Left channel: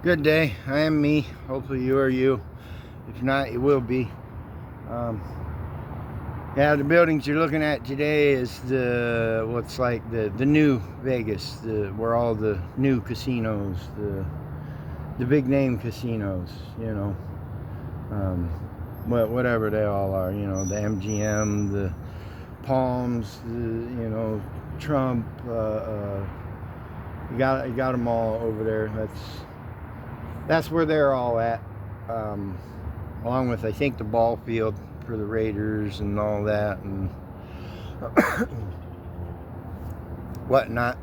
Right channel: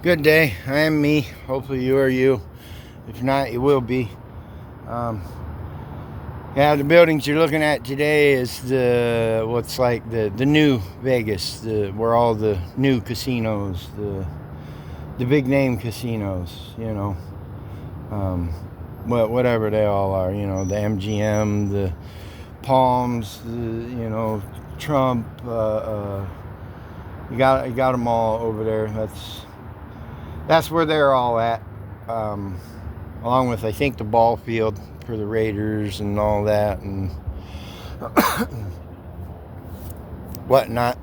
Good day. I am me. Hopefully you are you. If not, you will be. Um, yeah, the buildings you're looking at today is the new Vegas, where all the new casinos, the big name casinos, um, whatever they all are, the MGM, the Palms, Trump. You got them all over there. That's where they're all at, along with I think the ball field for the Raiders and all that and whatnot.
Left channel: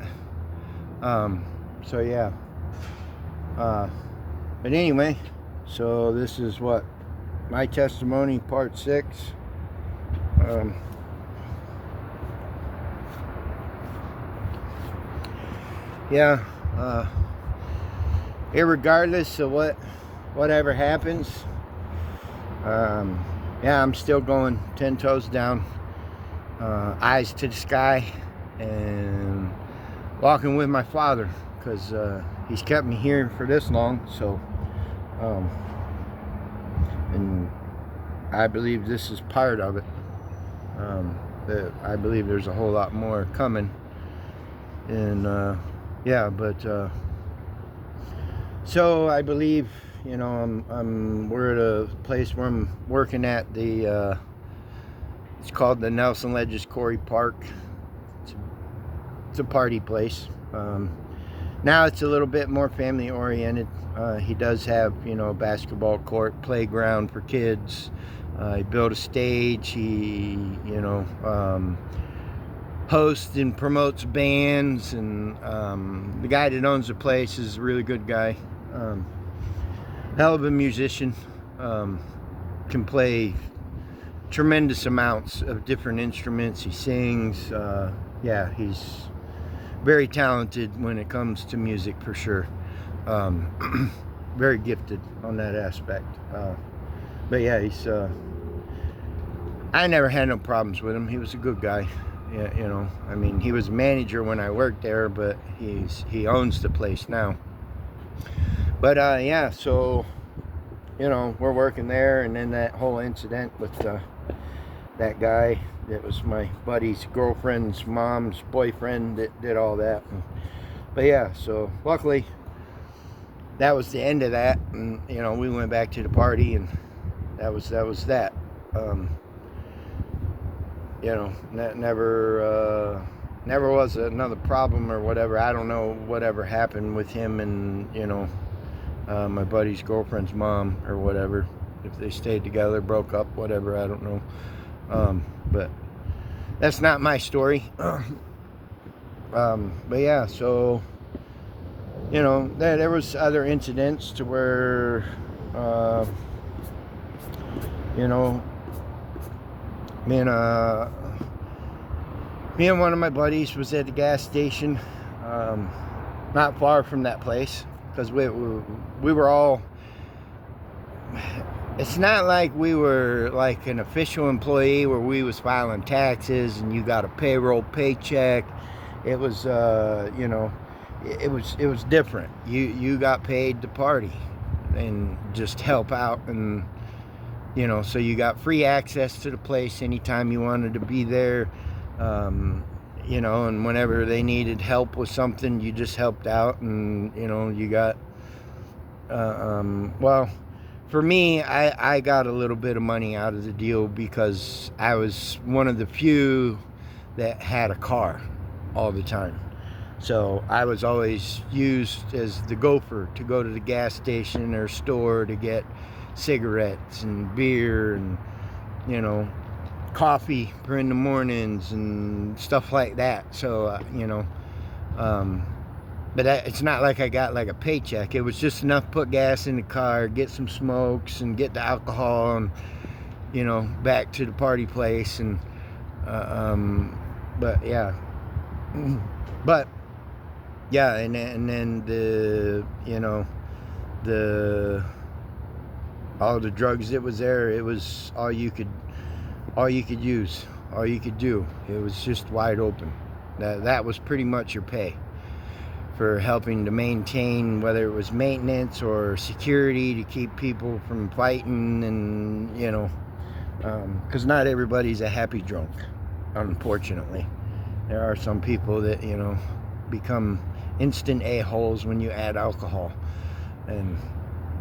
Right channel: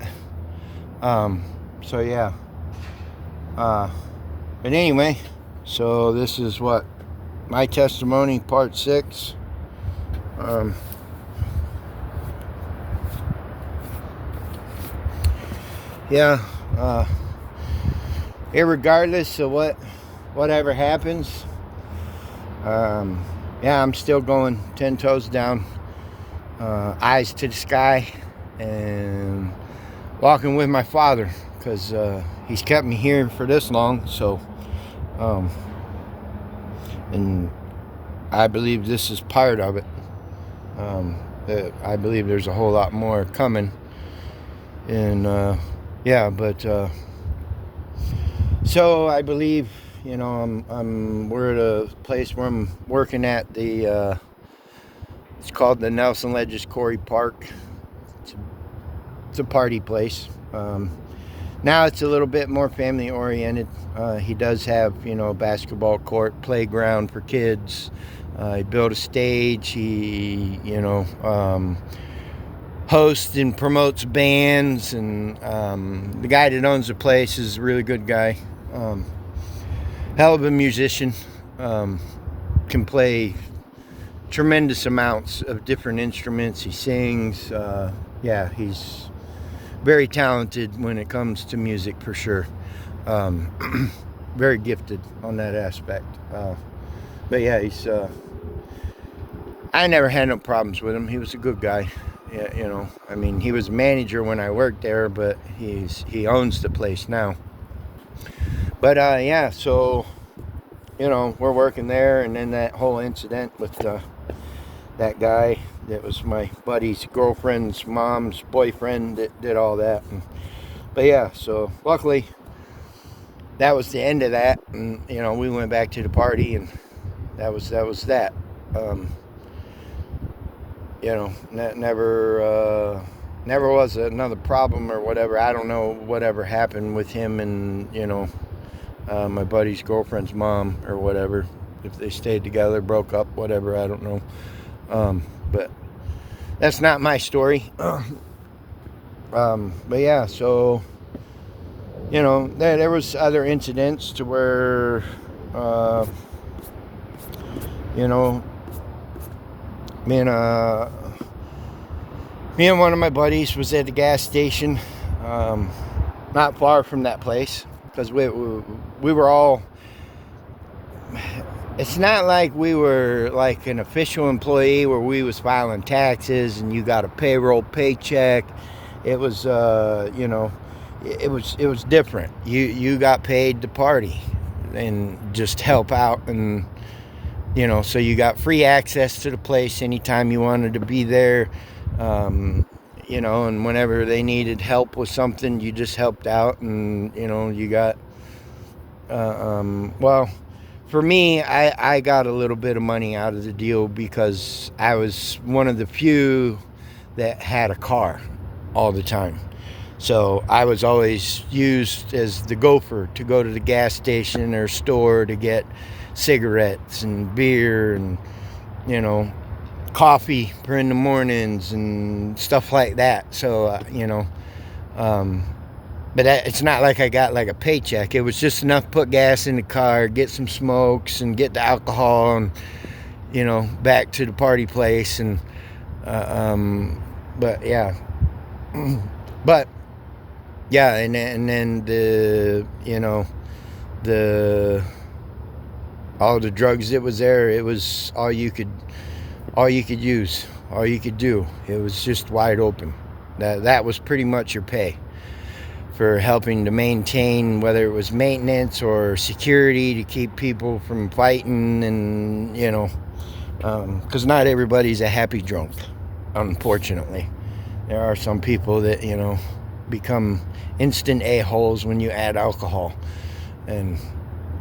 So yeah. But anyway, so this is what my testimony, part 6. Yeah. Irregardless of whatever happens, yeah, I'm still going 10 toes down, eyes to the sky, and walking with my Father, because he's kept me here for this long. So, and I believe this is part of it. I believe there's a whole lot more coming, and yeah, but. So I believe, we're at a place where I'm working at it's called the Nelson Ledges Quarry Park. It's a party place. Now it's a little bit more family oriented. He does have, a basketball court, playground for kids. He built a stage. He, hosts and promotes bands, and the guy that owns the place is a really good guy. Hell of a musician. Can play tremendous amounts of different instruments. He sings. Yeah, he's very talented when it comes to music, for sure. Very gifted on that aspect. But yeah, I never had no problems with him. He was a good guy. Yeah, I mean, he was manager when I worked there, but he owns the place now. But yeah, so we're working there, and then that whole incident with that guy that was my buddy's girlfriend's mom's boyfriend that did all that. But yeah, so luckily that was the end of that, and we went back to the party, and that was that. Never was another problem or whatever. I don't know whatever happened with him and my buddy's girlfriend's mom or whatever. If they stayed together, broke up, whatever, I don't know. But that's not my story. But yeah, so there was other incidents to where me and one of my buddies was at the gas station, not far from that place, because we were all. It's not like we were like an official employee where we was filing taxes and you got a payroll paycheck. It was, it was different. You got paid to party and just help out, and so you got free access to the place anytime you wanted to be there. And whenever they needed help with something, you just helped out, and you got well, for me, I got a little bit of money out of the deal because I was one of the few that had a car all the time. So I was always used as the gopher to go to the gas station or store to get cigarettes and beer and coffee for in the mornings and stuff like that. So but it's not like I got like a paycheck. It was just enough to put gas in the car, get some smokes, and get the alcohol, and back to the party place. And but yeah, but yeah, and then the all the drugs that was there, it was all you could use, all you could do. It was just wide open. That was pretty much your pay for helping to maintain, whether it was maintenance or security, to keep people from fighting, and because not everybody's a happy drunk, unfortunately. There are some people that become instant a-holes when you add alcohol, and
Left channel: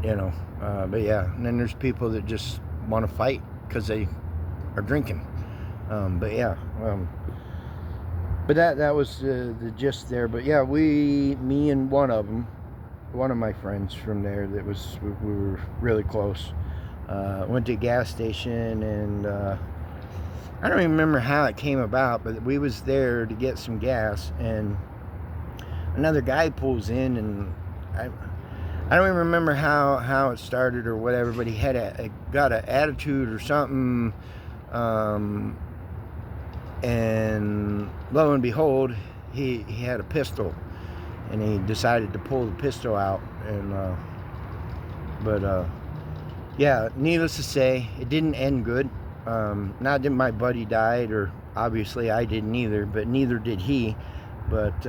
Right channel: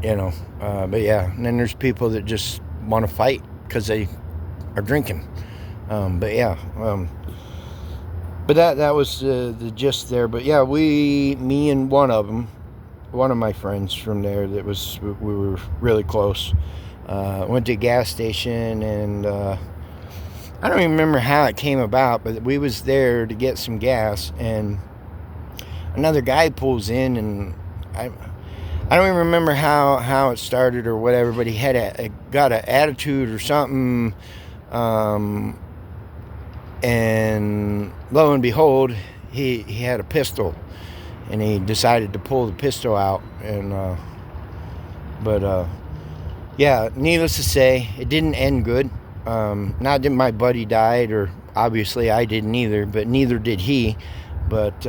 but yeah, and then there's people that just want to fight because they are drinking. But that was the gist there. But yeah, me and one of my friends from there, we were really close, went to a gas station, and I don't even remember how it came about, but we was there to get some gas, and another guy pulls in, and I don't even remember how it started or whatever, but he had got an attitude or something, and lo and behold, he had a pistol, and he decided to pull the pistol out, and yeah, needless to say, it didn't end good. Not that my buddy died, or obviously I didn't either, but neither did he. But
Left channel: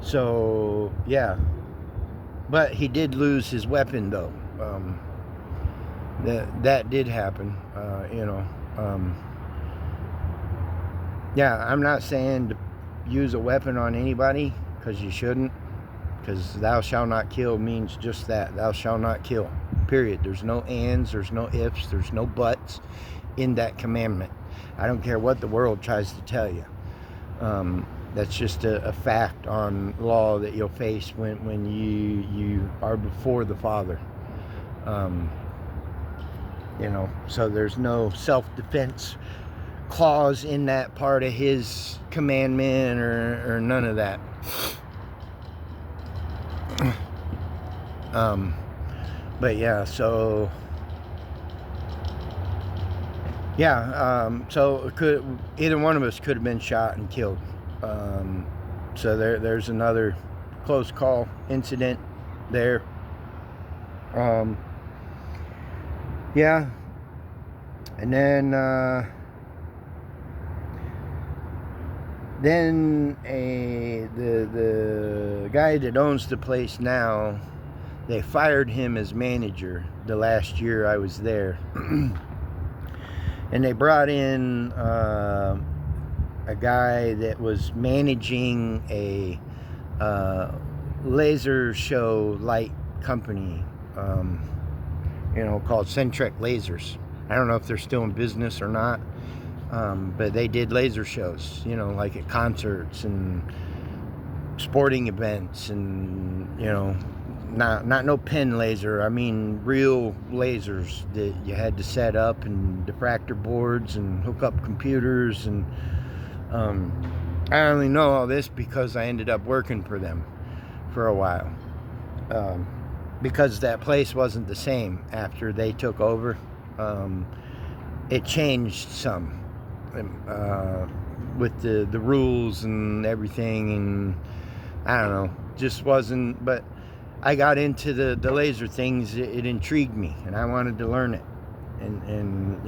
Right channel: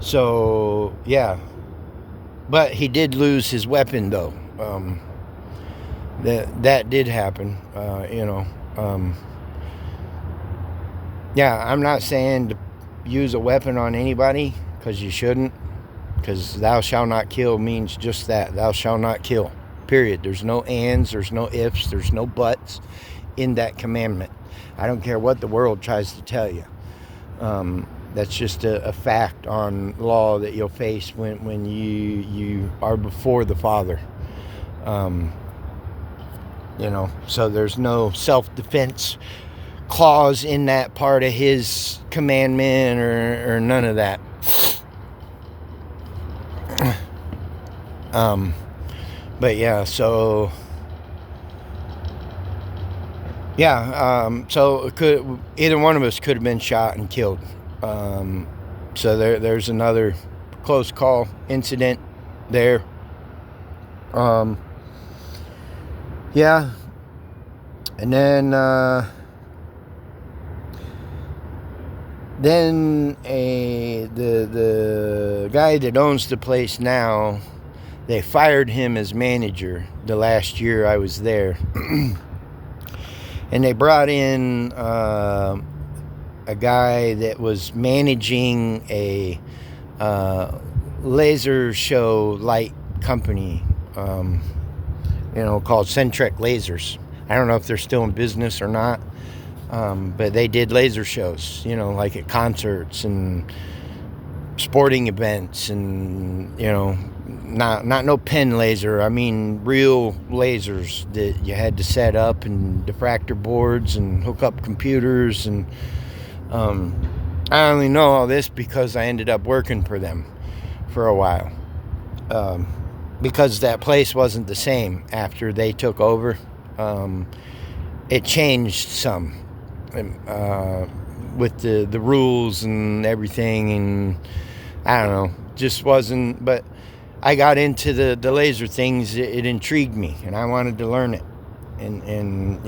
so yeah, but he did lose his weapon though. That did happen. Yeah, I'm not saying to use a weapon on anybody, because you shouldn't, because thou shalt not kill means just that, thou shalt not kill, period. There's no ands, there's no ifs, there's no buts in that commandment. I don't care what the world tries to tell you. That's just a fact on law that you'll face when you are before the Father. So there's no self-defense clause in that part of his commandment, or none of that. But yeah, so so either one of us could have been shot and killed. So there's another close call incident there. Yeah, and then the guy that owns the place now, they fired him as manager the last year I was there. And they brought in a guy that was managing a laser show light company, called Centrec Lasers. I don't know if they're still in business or not, but they did laser shows, like at concerts and sporting events, and not no pen laser. I mean real lasers that you had to set up, and diffractor boards, and hook up computers, and I only know all this because I ended up working for them for a while, because that place wasn't the same after they took over. It changed some with the rules and everything, and I don't know, just wasn't. But I got into the laser things. It intrigued me, and I wanted to learn it, and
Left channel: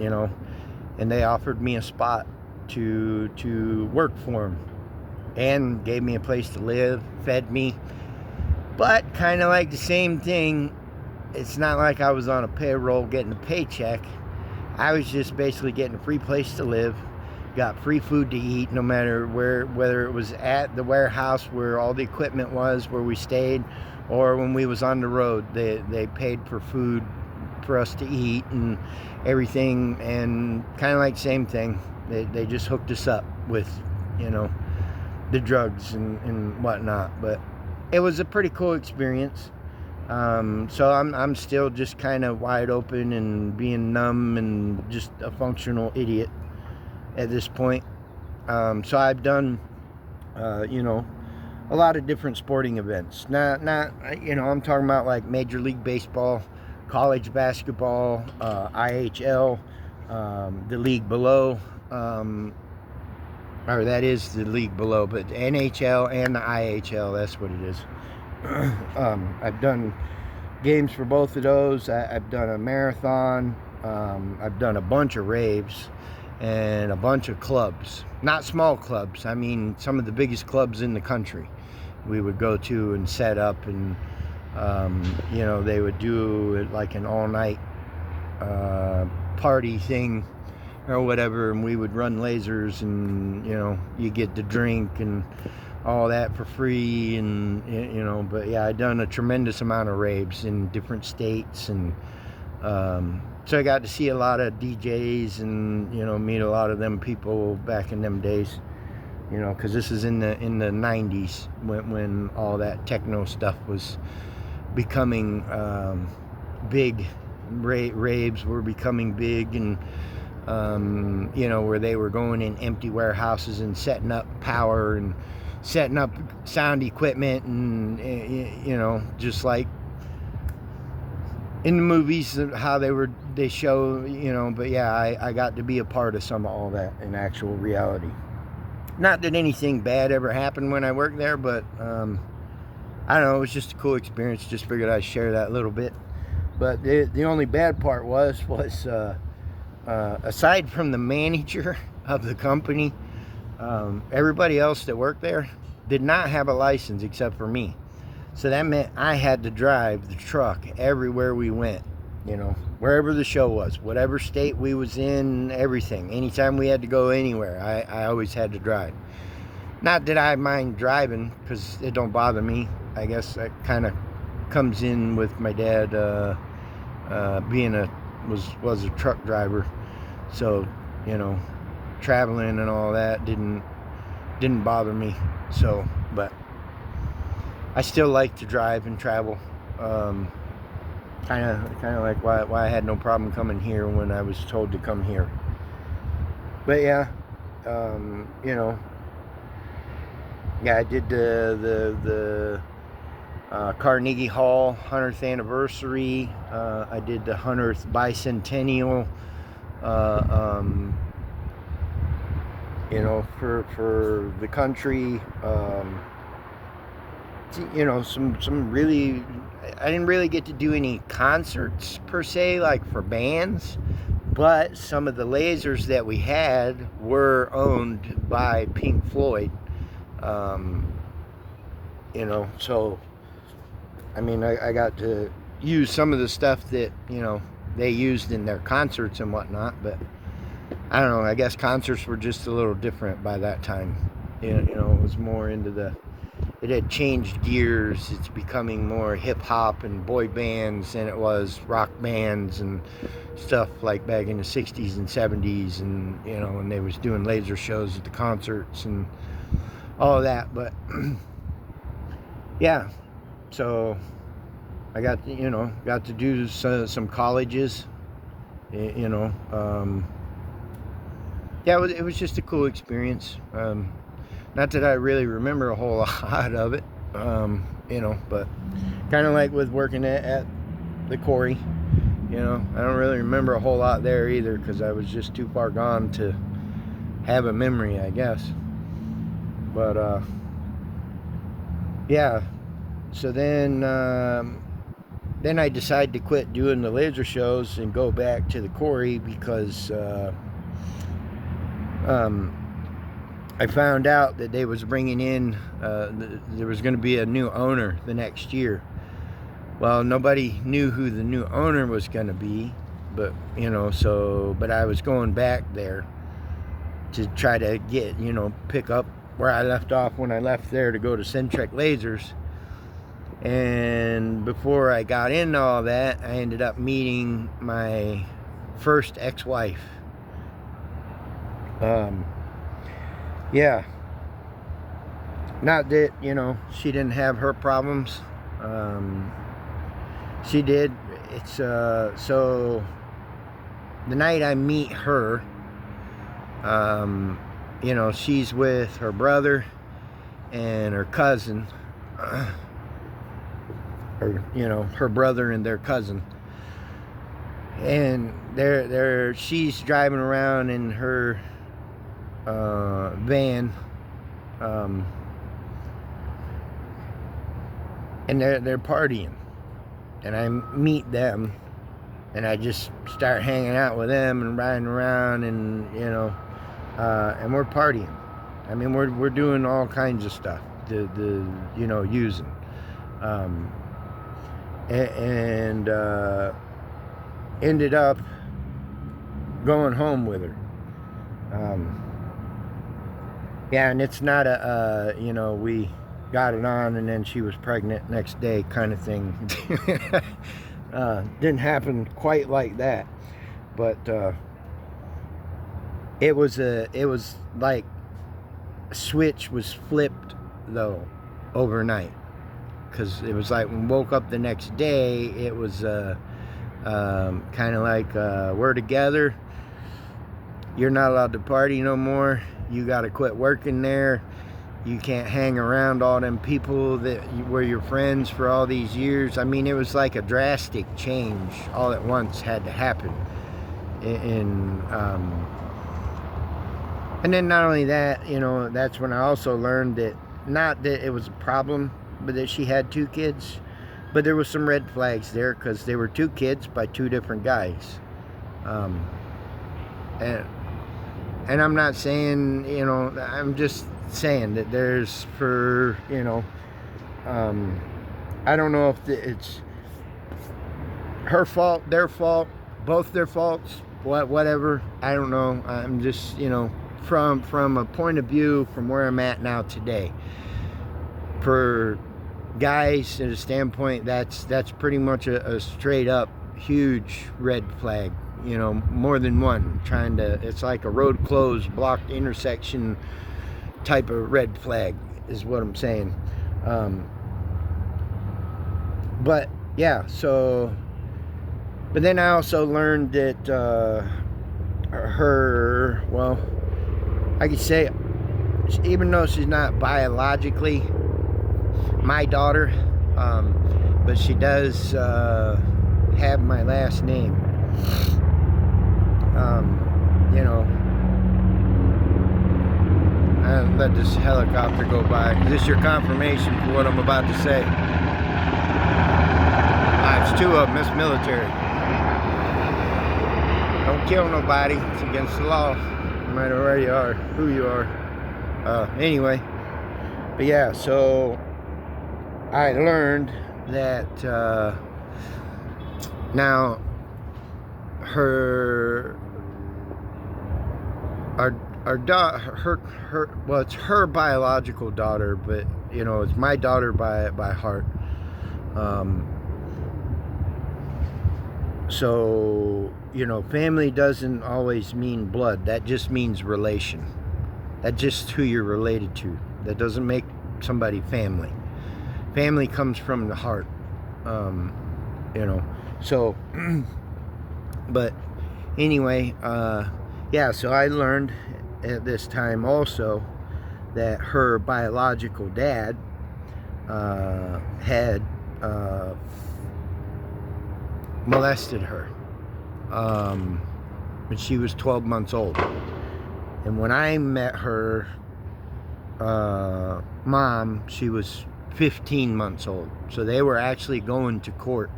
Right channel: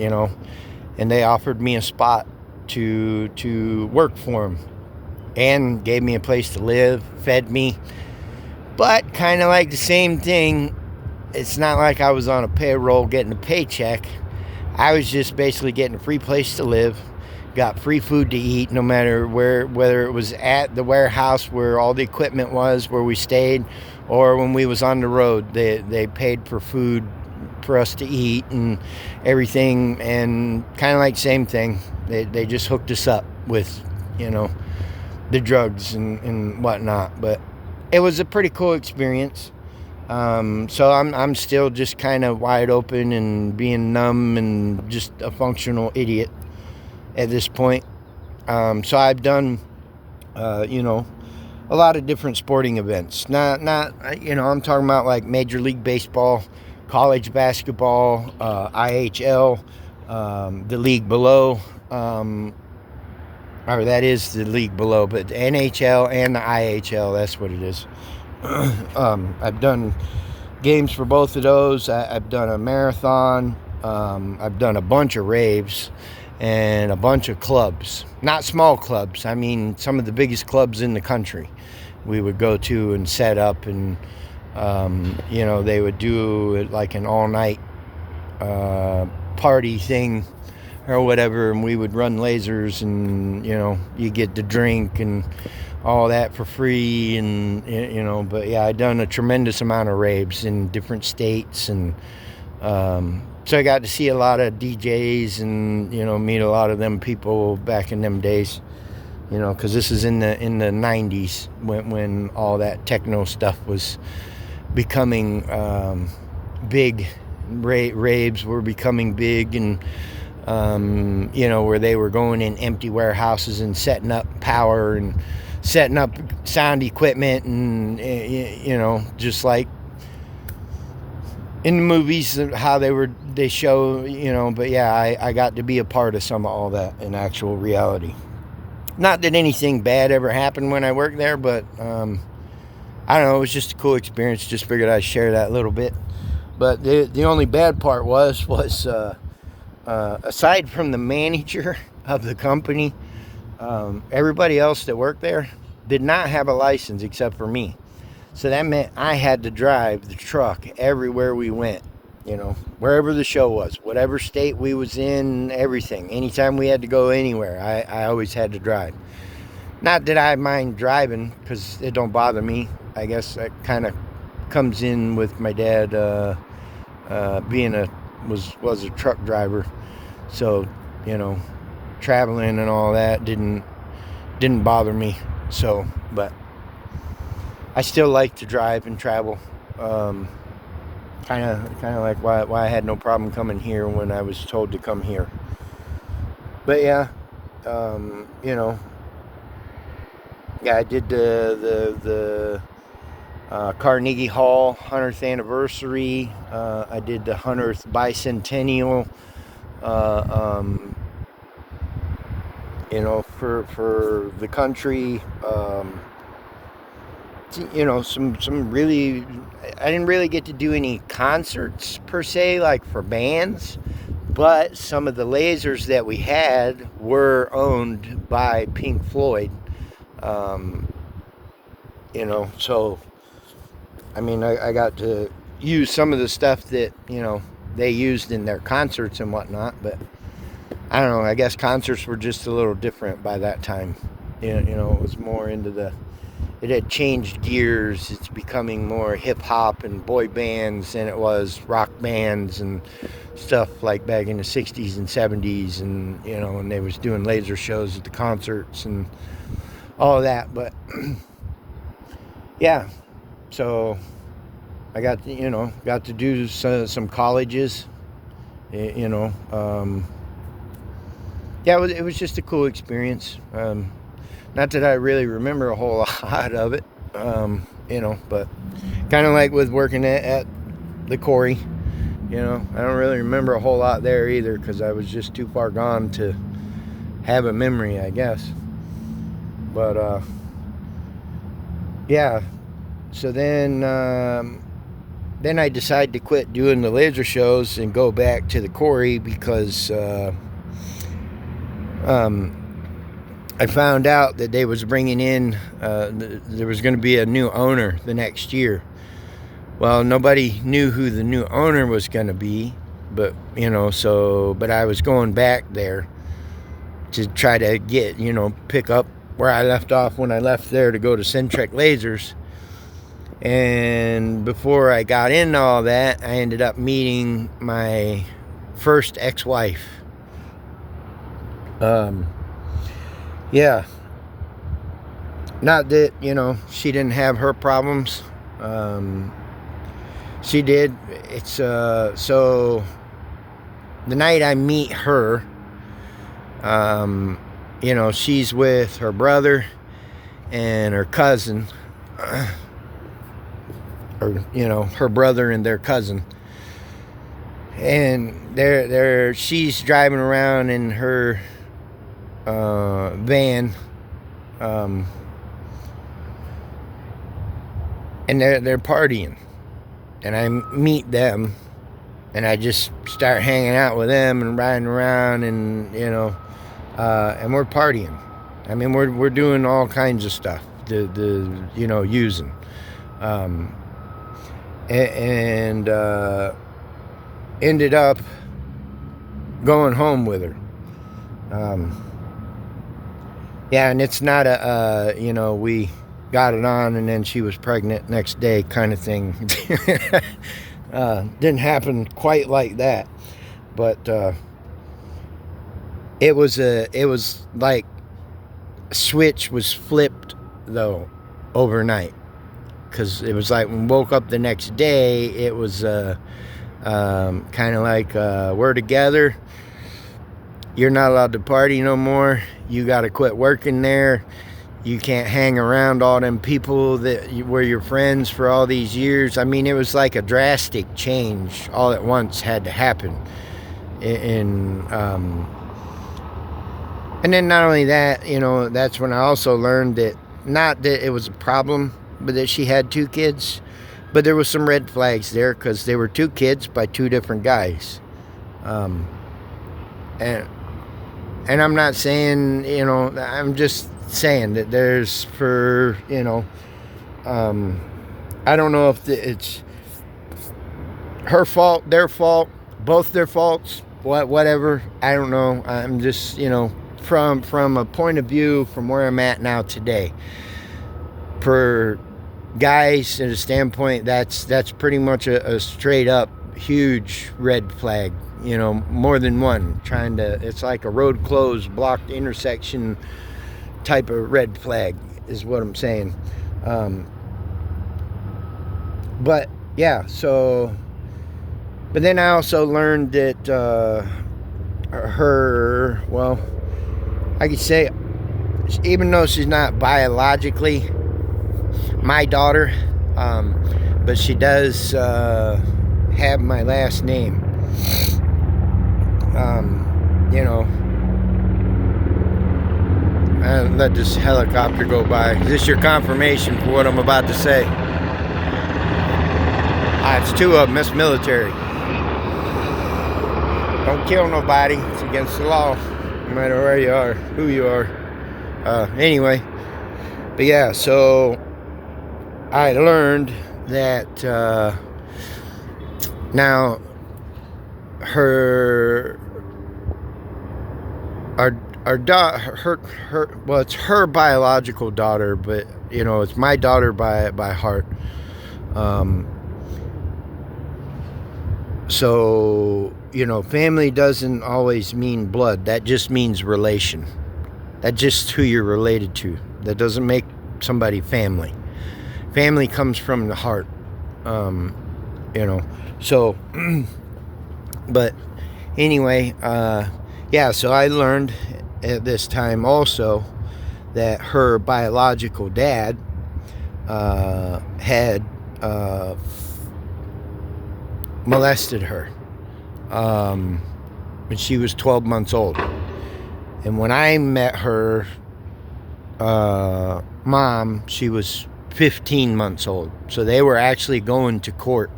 they offered me a spot to work for them, and gave me a place to live, fed me. But kind of like the same thing, it's not like I was on a payroll getting a paycheck. I was just basically getting a free place to live, got free food to eat, no matter whether it was at the warehouse where all the equipment was, where we stayed, or when we was on the road. They paid for food for us to eat and everything, and kind of like same thing. They just hooked us up with, the drugs and whatnot. But it was a pretty cool experience. So I'm still just kind of wide open and being numb and just a functional idiot at this point. So I've done, a lot of different sporting events. Not I'm talking about like Major League Baseball, college basketball, IHL, the league below, or that is the league below, but the NHL and the IHL, that's what it is. I've done games for both of those. I've done a marathon. I've done a bunch of raves. and a bunch of clubs. Not small clubs, I mean some of the biggest clubs in the country we would go to and set up, and they would do like an all-night party thing or whatever, and we would run lasers, and you get to drink and all that for free, and but yeah, I done a tremendous amount of raves in different states, and so I got to see a lot of DJs and meet a lot of them people back in them days, because this is in the 90s when all that techno stuff was becoming big. Raves were becoming big, and where they were going in empty warehouses and setting up power and setting up sound equipment, and just like in the movies how they show, but yeah, I got to be a part of some of all that in actual reality. Not that anything bad ever happened when I worked there, but I don't know, it was just a cool experience. Just figured I'd share that a little bit. But the only bad part was aside from the manager of the company, everybody else that worked there did not have a license except for me. So that meant I had to drive the truck everywhere we went, wherever the show was, whatever state we was in, everything. Anytime we had to go anywhere, I always had to drive. Not that I mind driving, because it don't bother me. I guess that kind of comes in with my dad being was a truck driver, so traveling and all that didn't bother me. So, but I still like to drive and travel. Kind of like why I had no problem coming here when I was told to come here. But yeah, yeah, I did the Carnegie Hall 100th anniversary. I did the 100th bicentennial. For the country. Some really, I didn't really get to do any concerts per se, like for bands, but some of the lasers that we had were owned by Pink Floyd. So I mean, I got to use some of the stuff that they used in their concerts and whatnot, but I don't know, I guess concerts were just a little different by that time. It was more into it had changed gears. It's becoming more hip-hop and boy bands than it was rock bands and stuff like back in the 60s and 70s, and and they was doing laser shows at the concerts and all that. But yeah, so I got to do some colleges, yeah, it was just a cool experience. Not that I really remember a whole lot of it, but kind of like with working at the quarry, I don't really remember a whole lot there either, because I was just too far gone to have a memory, I guess. But yeah, so then I decided to quit doing the laser shows and go back to the quarry, because I found out that they was bringing in, there was going to be a new owner the next year. Well, nobody knew who the new owner was going to be, but but I was going back there to try to get, pick up where I left off when I left there to go to Centrec Lasers. And before I got into all that, I ended up meeting my first ex-wife. Yeah, not that she didn't have her problems. She did. It's so the night I meet her, she's with her brother and her cousin, or her brother and their cousin, and she's driving around in her van, and they're partying, and I meet them, and I just start hanging out with them and riding around, and and we're partying. I mean, we're doing all kinds of stuff. Using, and ended up going home with her. Yeah, and it's not we got it on and then she was pregnant next day kind of thing. Didn't happen quite like that, but it was like a switch was flipped though overnight, because it was like when we woke up the next day, it was kind of like we're together. You're not allowed to party no more. You got to quit working there. You can't hang around all them people that were your friends for all these years. I mean, it was like a drastic change all at once had to happen. And then not only that, that's when I also learned that not that it was a problem, but that she had 2 kids. But there was some red flags there because they were 2 kids by 2 different guys. And I'm not saying, I'm just saying that there's I don't know if it's her fault, their fault, both their faults, whatever. I don't know. I'm just, from a point of view from where I'm at now today. For guys, at a standpoint, that's pretty much a straight up huge red flag. More than one it's like a road closed, blocked intersection type of red flag is what I'm saying. But yeah, but then I also learned that I could say, even though she's not biologically my daughter, but she does have my last name. Let this helicopter go by. Is this your confirmation for what I'm about to say? It's 2 of them. It's military. Don't kill nobody. It's against the law, no matter where you are, who you are. Anyway, but yeah, so I learned that now it's her biological daughter, but it's my daughter by heart. So family doesn't always mean blood. That just means relation. That's just who you're related to. That doesn't make somebody family. Family comes from the heart. So but anyway, so I learned at this time also that her biological dad had molested her when she was 12 months old. And when I met her mom, she was 15 months old. So they were actually going to court.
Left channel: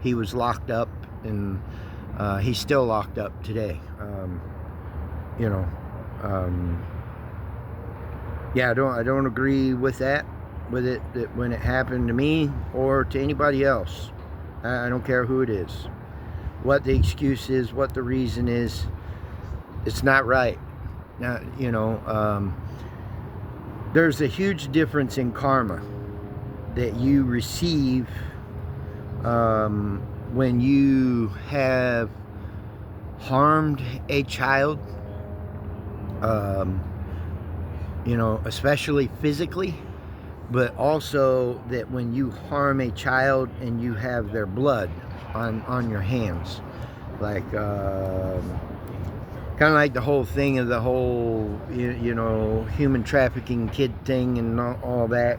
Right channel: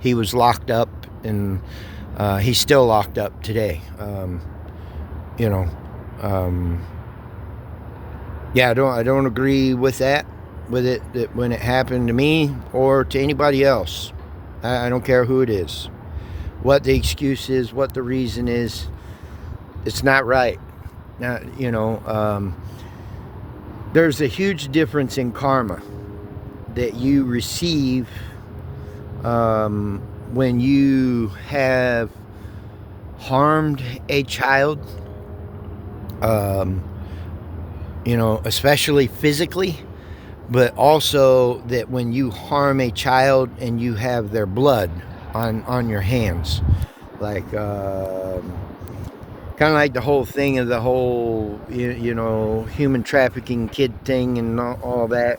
He was locked up, and he's still locked up today. I don't agree with that when it happened to me or to anybody else. I don't care who it is, what the excuse is, what the reason is. It's not right. Now, there's a huge difference in karma that you receive when you have harmed a child, especially physically, but also that when you harm a child and you have their blood on your hands, like kind of like the whole thing of the whole human trafficking kid thing and all that.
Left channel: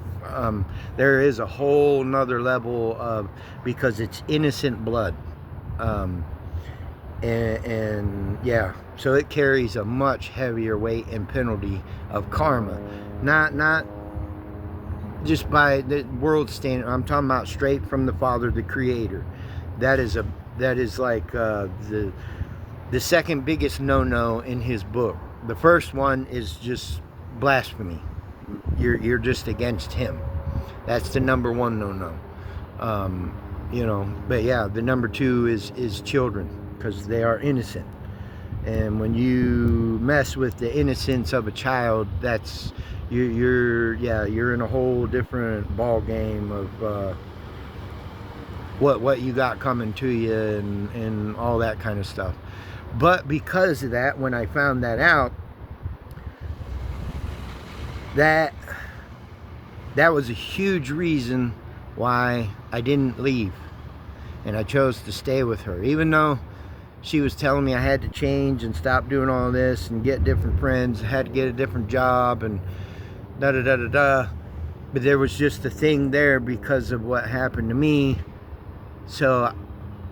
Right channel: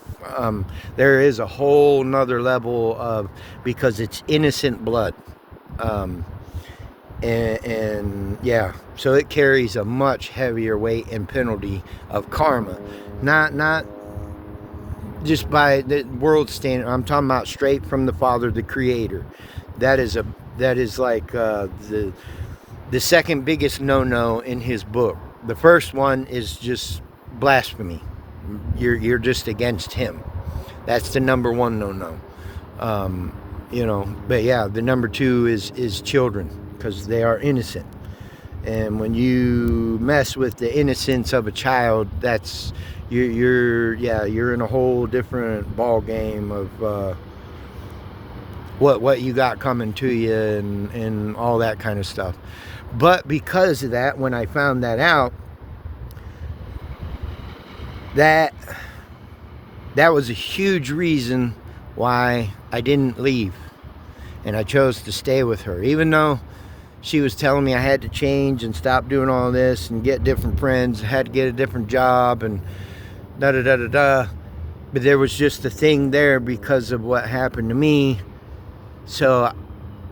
There is a whole nother level of, because it's innocent blood, and yeah, so it carries a much heavier weight and penalty of karma, not just by the world standard. I'm talking about straight from the Father, the Creator. That is a that is like the second biggest no-no in his book. The first one is just blasphemy. You're just against him. That's the number one no-no. But yeah, the number two is children, because they are innocent. And when you mess with the innocence of a child, that's you're in a whole different ball game of what you got coming to you and all that kind of stuff. But because of that, when I found that out, that was a huge reason why I didn't leave, and I chose to stay with her, even though she was telling me I had to change and stop doing all this and get different friends, I had to get a different job and da da da da da. But there was just a thing there because of what happened to me. So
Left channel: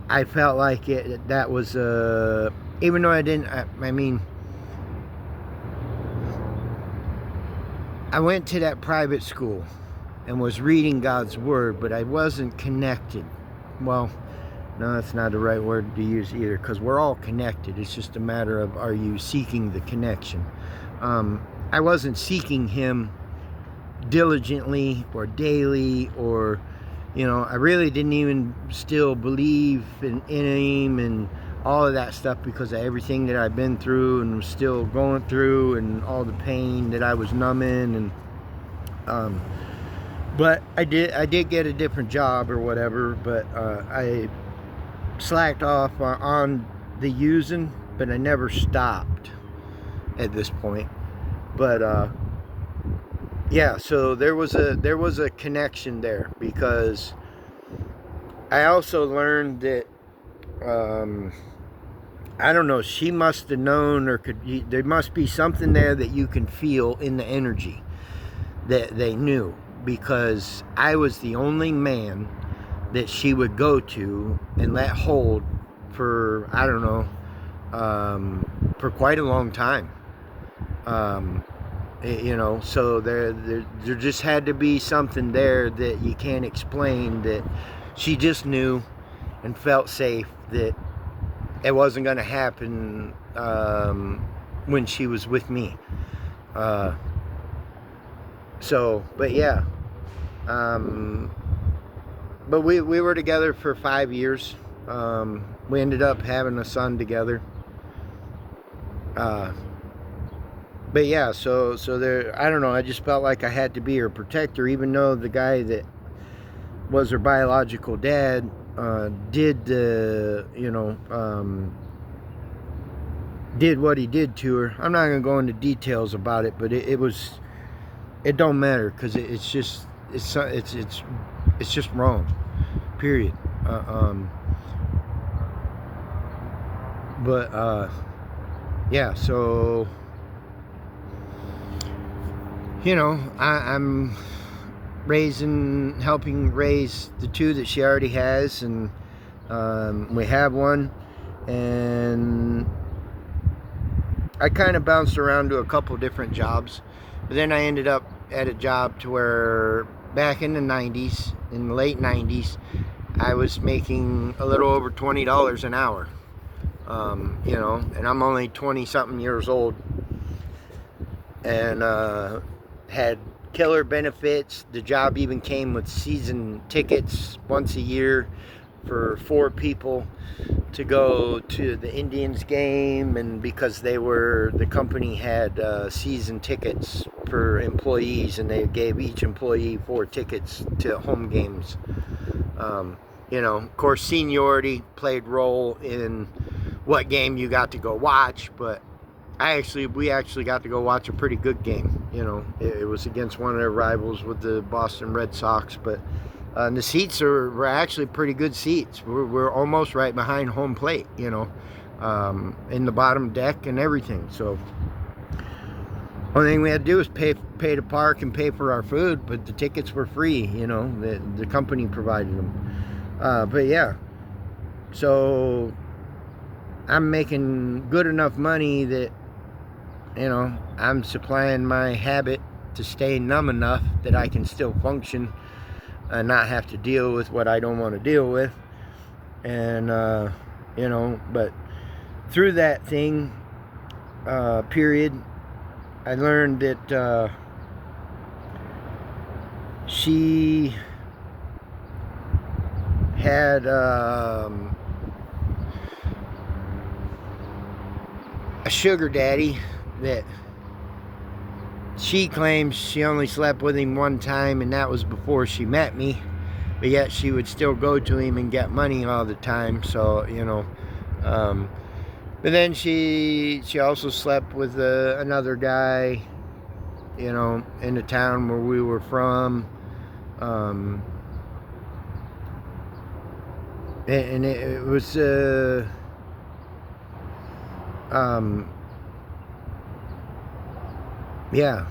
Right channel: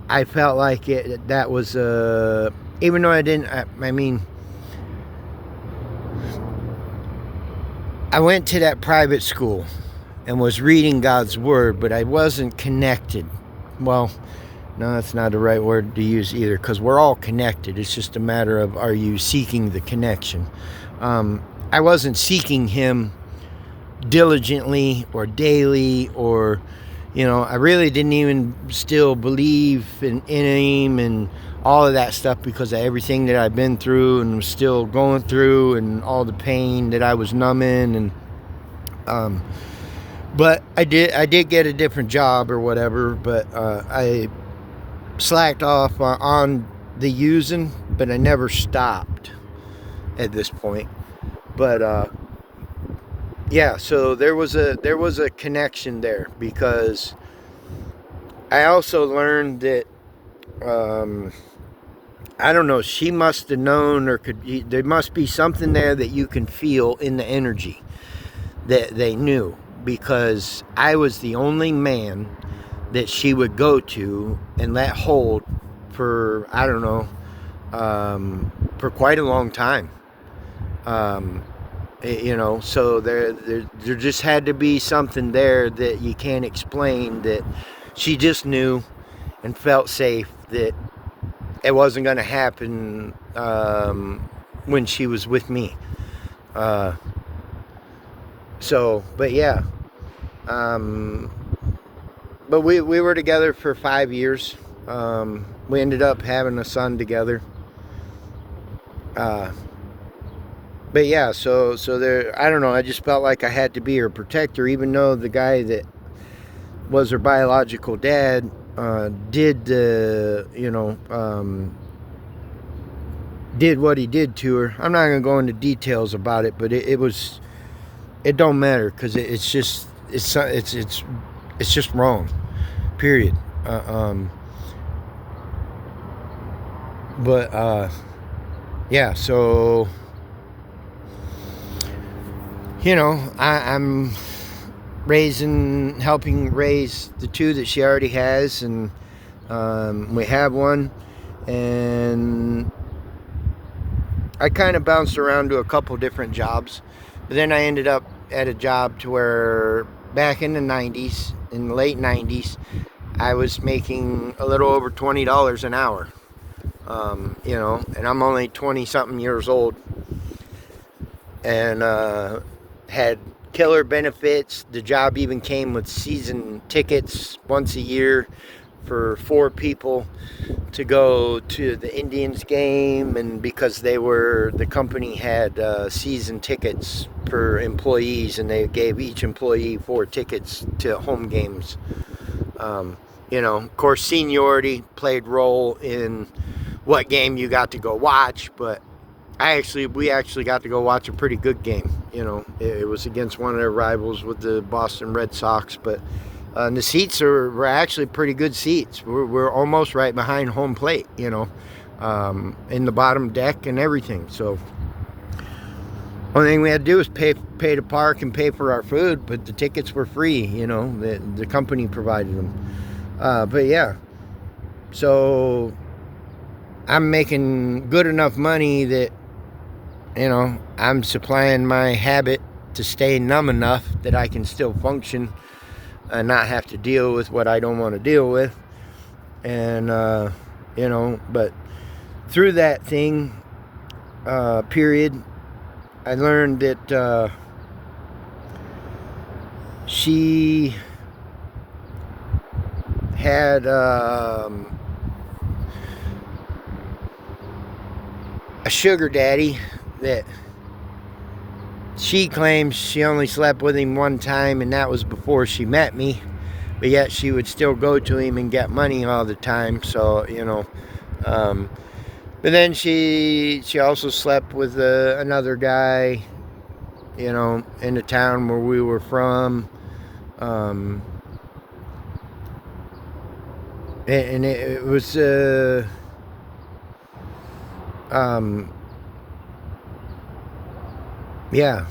I felt like that was even though I went to that private school and was reading God's word, but I wasn't connected. Well, no, that's not the right word to use either, because we're all connected. It's just a matter of, are you seeking the connection? I wasn't seeking him diligently or daily, or I really didn't even still believe in him and all of that stuff, because of everything that I've been through and was still going through, and all the pain that I was numbing. And but I did get a different job or whatever, but I slacked off on the using, but I never stopped at this point. But yeah, so there was a connection there, because I also learned that I don't know, she must have known, or there must be something there that you can feel in the energy that they knew, because I was the only man that she would go to and let hold for, I don't know, for quite a long time. So there just had to be something there that you can't explain, that she just knew and felt safe that it wasn't going to happen when she was with me. But yeah. But we were together for 5 years. We ended up having a son together. But yeah, so there, I don't know, I just felt like I had to be her protector, even though the guy that was her biological dad did what he did to her. I'm not gonna go into details about it, but it don't matter, because it's just wrong, period. Yeah, so I'm helping raise the two that she already has, and we have one, and I kind of bounced around to a couple different jobs, but then I ended up at a job to where back in the late 90s, I was making a little over $20 an hour, and I'm only 20 something years old, and had killer benefits. The job even came with season tickets once a year for 4 people to go to the Indians game, and because the company had season tickets for employees, and they gave each employee 4 tickets to home games. Of course, seniority played role in what game you got to go watch, but we actually got to go watch a pretty good game. It was against one of their rivals with the Boston Red Sox, but the seats were actually pretty good seats. We're almost right behind home plate, in the bottom deck and everything. So only thing we had to do was pay to park and pay for our food, but the tickets were free. The company provided them. But yeah, so I'm making good enough money that I'm supplying my habit to stay numb enough that I can still function and not have to deal with what I don't want to deal with. And but through that thing, period, I learned that she had a sugar daddy that she claims she only slept with him one time, and that was before she met me, but yet she would still go to him and get money all the time. So but then she also slept with another guy, in the town where we were from. And it was yeah,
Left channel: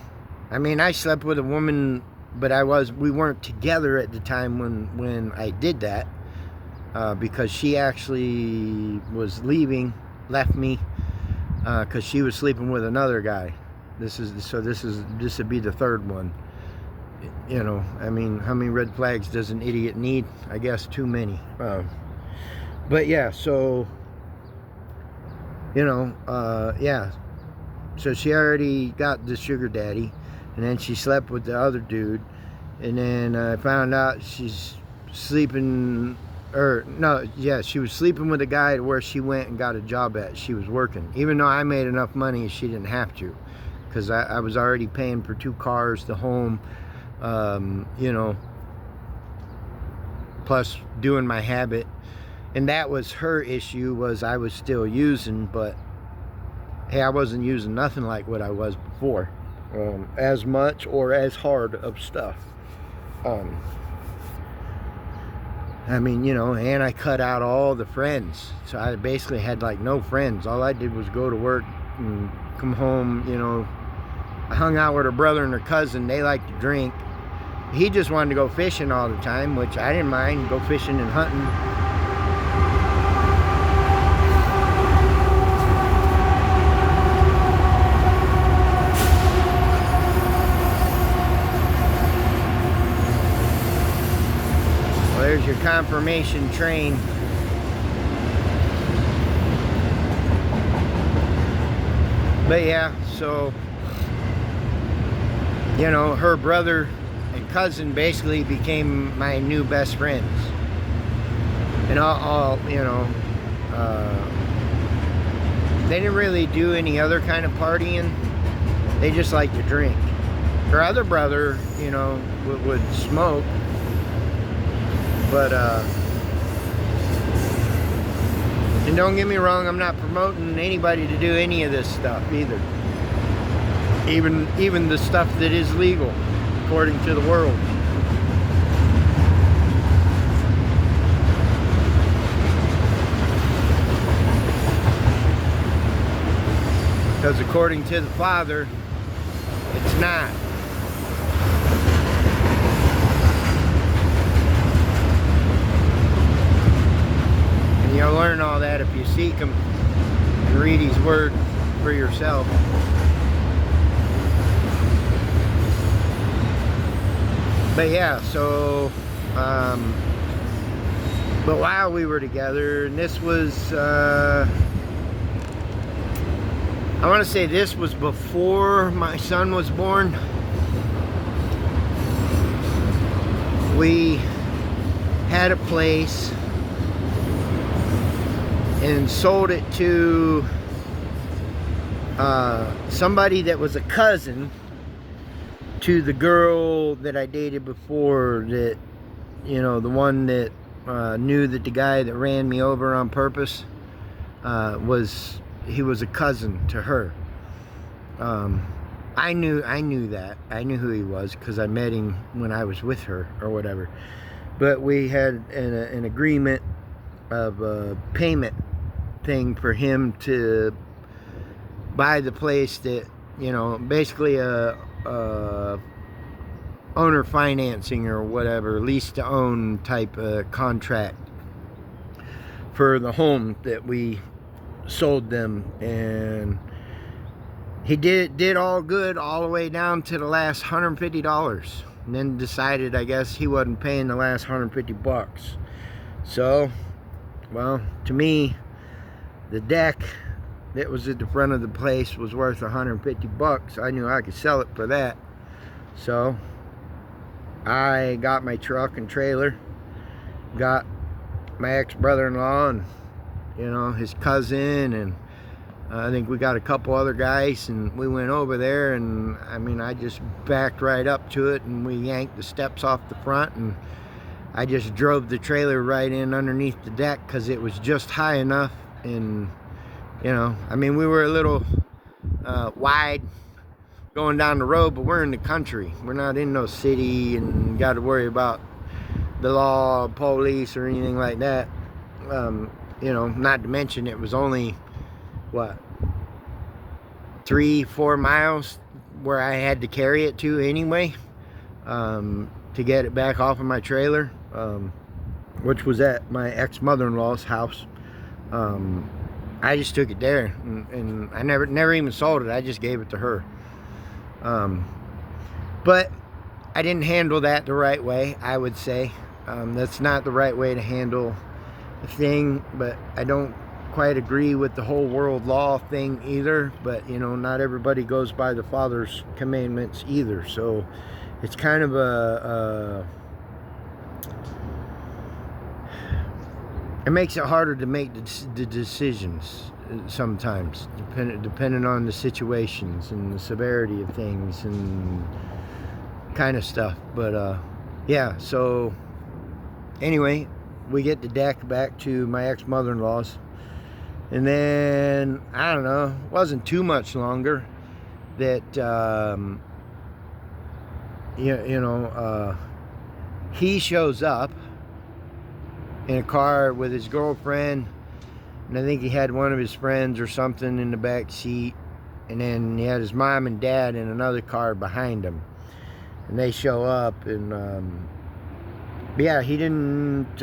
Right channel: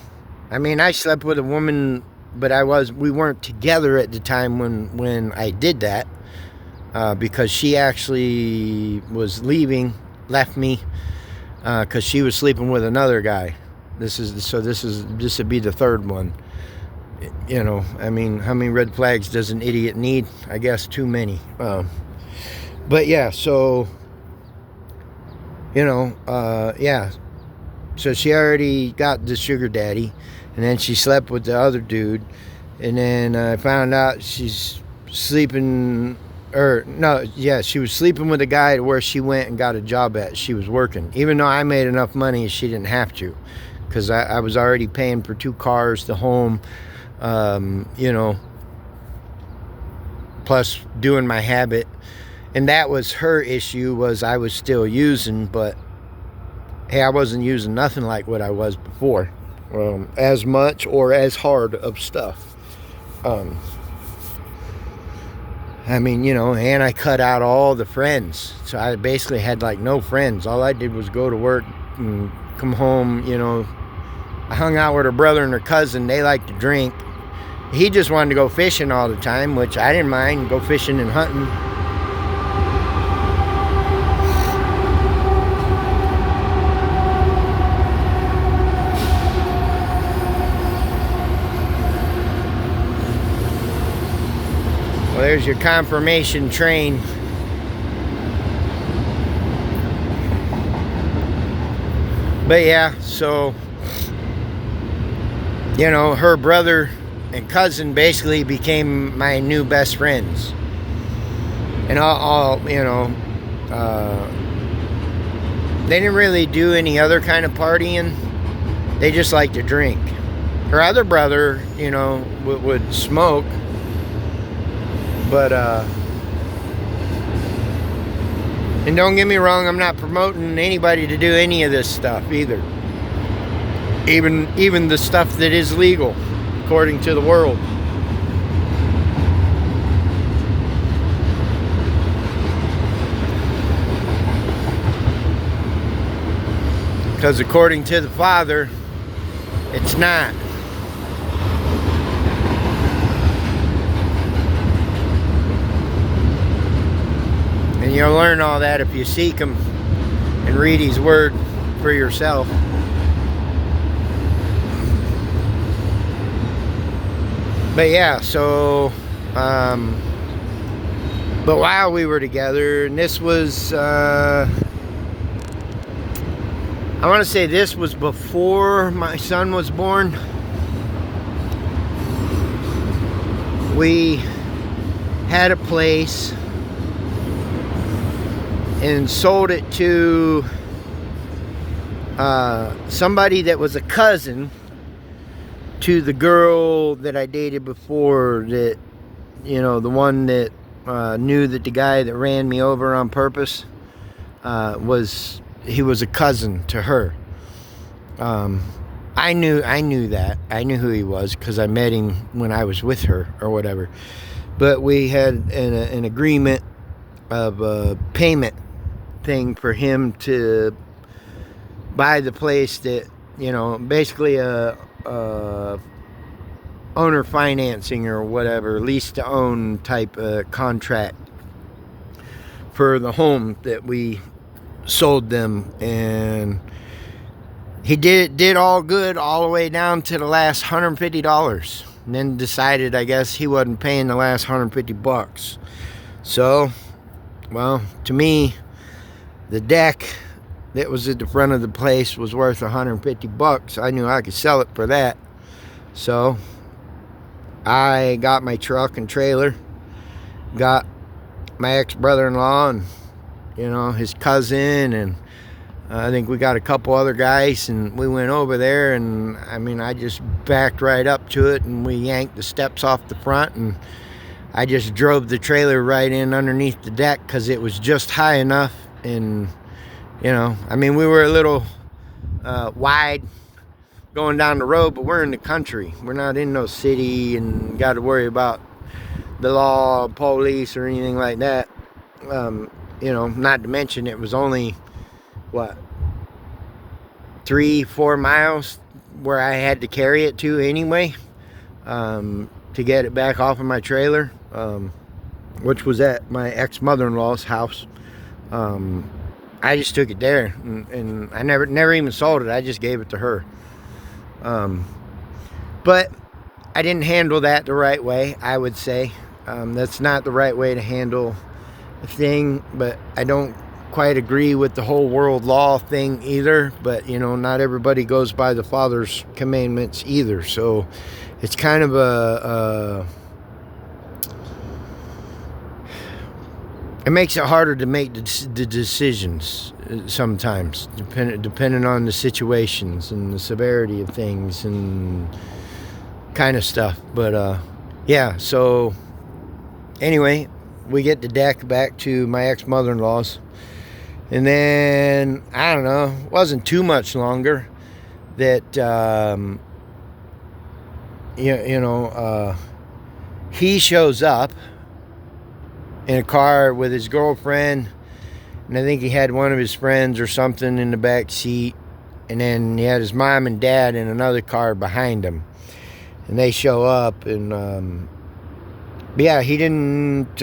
I mean, I slept with a woman, but we weren't together at the time when I did that, because she actually was left me, because she was sleeping with another guy. This would be the third one. I mean, how many red flags does an idiot need? I guess too many. But yeah, so yeah. So she already got the sugar daddy, and then she slept with the other dude, and then I found out she's sleeping, or no, yeah, she was sleeping with a guy where she went and got a job at. She was working, even though I made enough money, she didn't have to, because I was already paying for 2 cars, the home, plus doing my habit. And that was her issue, was I was still using, but hey, I wasn't using nothing like what I was before, as much or as hard of stuff. I mean, and I cut out all the friends, so I basically had like no friends. All I did was go to work and come home. I hung out with her brother and her cousin. They liked to drink. He just wanted to go fishing all the time, which I didn't mind, go fishing and hunting. There's your confirmation train. But yeah, so her brother and cousin basically became my new best friends. And they didn't really do any other kind of partying. They just liked to drink. Her other brother, would smoke. But and don't get me wrong, I'm not promoting anybody to do any of this stuff either. Even the stuff that is legal according to the world. Because according to the Father, it's not. And you'll learn all that if you seek Him and read His Word for yourself. But yeah, so but while we were together, and this was I want to say this was before my son was born, we had a place and sold it to somebody that was a cousin to the girl that I dated before, that the one that knew that the guy that ran me over on purpose was a cousin to her. I knew that. I knew who he was because I met him when I was with her or whatever. But we had an agreement of a payment thing for him to buy the place, that basically a owner financing or whatever, lease to own type contract for the home that we sold them. And he did all good all the way down to the last $150, and then decided, I guess, he wasn't paying the last $150. So Well, to me, the deck that was at the front of the place was worth $150. I knew I could sell it for that. So I got my truck and trailer, got my ex-brother-in-law and, you know, his cousin, and I think we got a couple other guys, and we went over there, and I mean, I just backed right up to it, and we yanked the steps off the front, and I just drove the trailer right in underneath the deck because it was just high enough. And, you know, I mean, we were a little wide going down the road, but we're in the country. We're not in no city and got to worry about the law, police, or anything like that. You know, not to mention it was only, what, 3-4 miles where I had to carry it to anyway, to get it back off of my trailer, which was at my ex-mother-in-law's house. I just took it there, and I never even sold it. I just gave it to her. But I didn't handle that the right way, I would say. That's not the right way to handle a thing, but I don't quite agree with the whole world law thing either. But, you know, not everybody goes by the Father's commandments either. So it's kind of it makes it harder to make the decisions sometimes, depending on the situations and the severity of things and kind of stuff. But yeah, so anyway, we get the deck back to my ex-mother-in-law's, and then I don't know, it wasn't too much longer that he shows up in a car with his girlfriend, and I think he had one of his friends or something in the back seat, and then he had his mom and dad in another car behind him, and they show up, and yeah, he didn't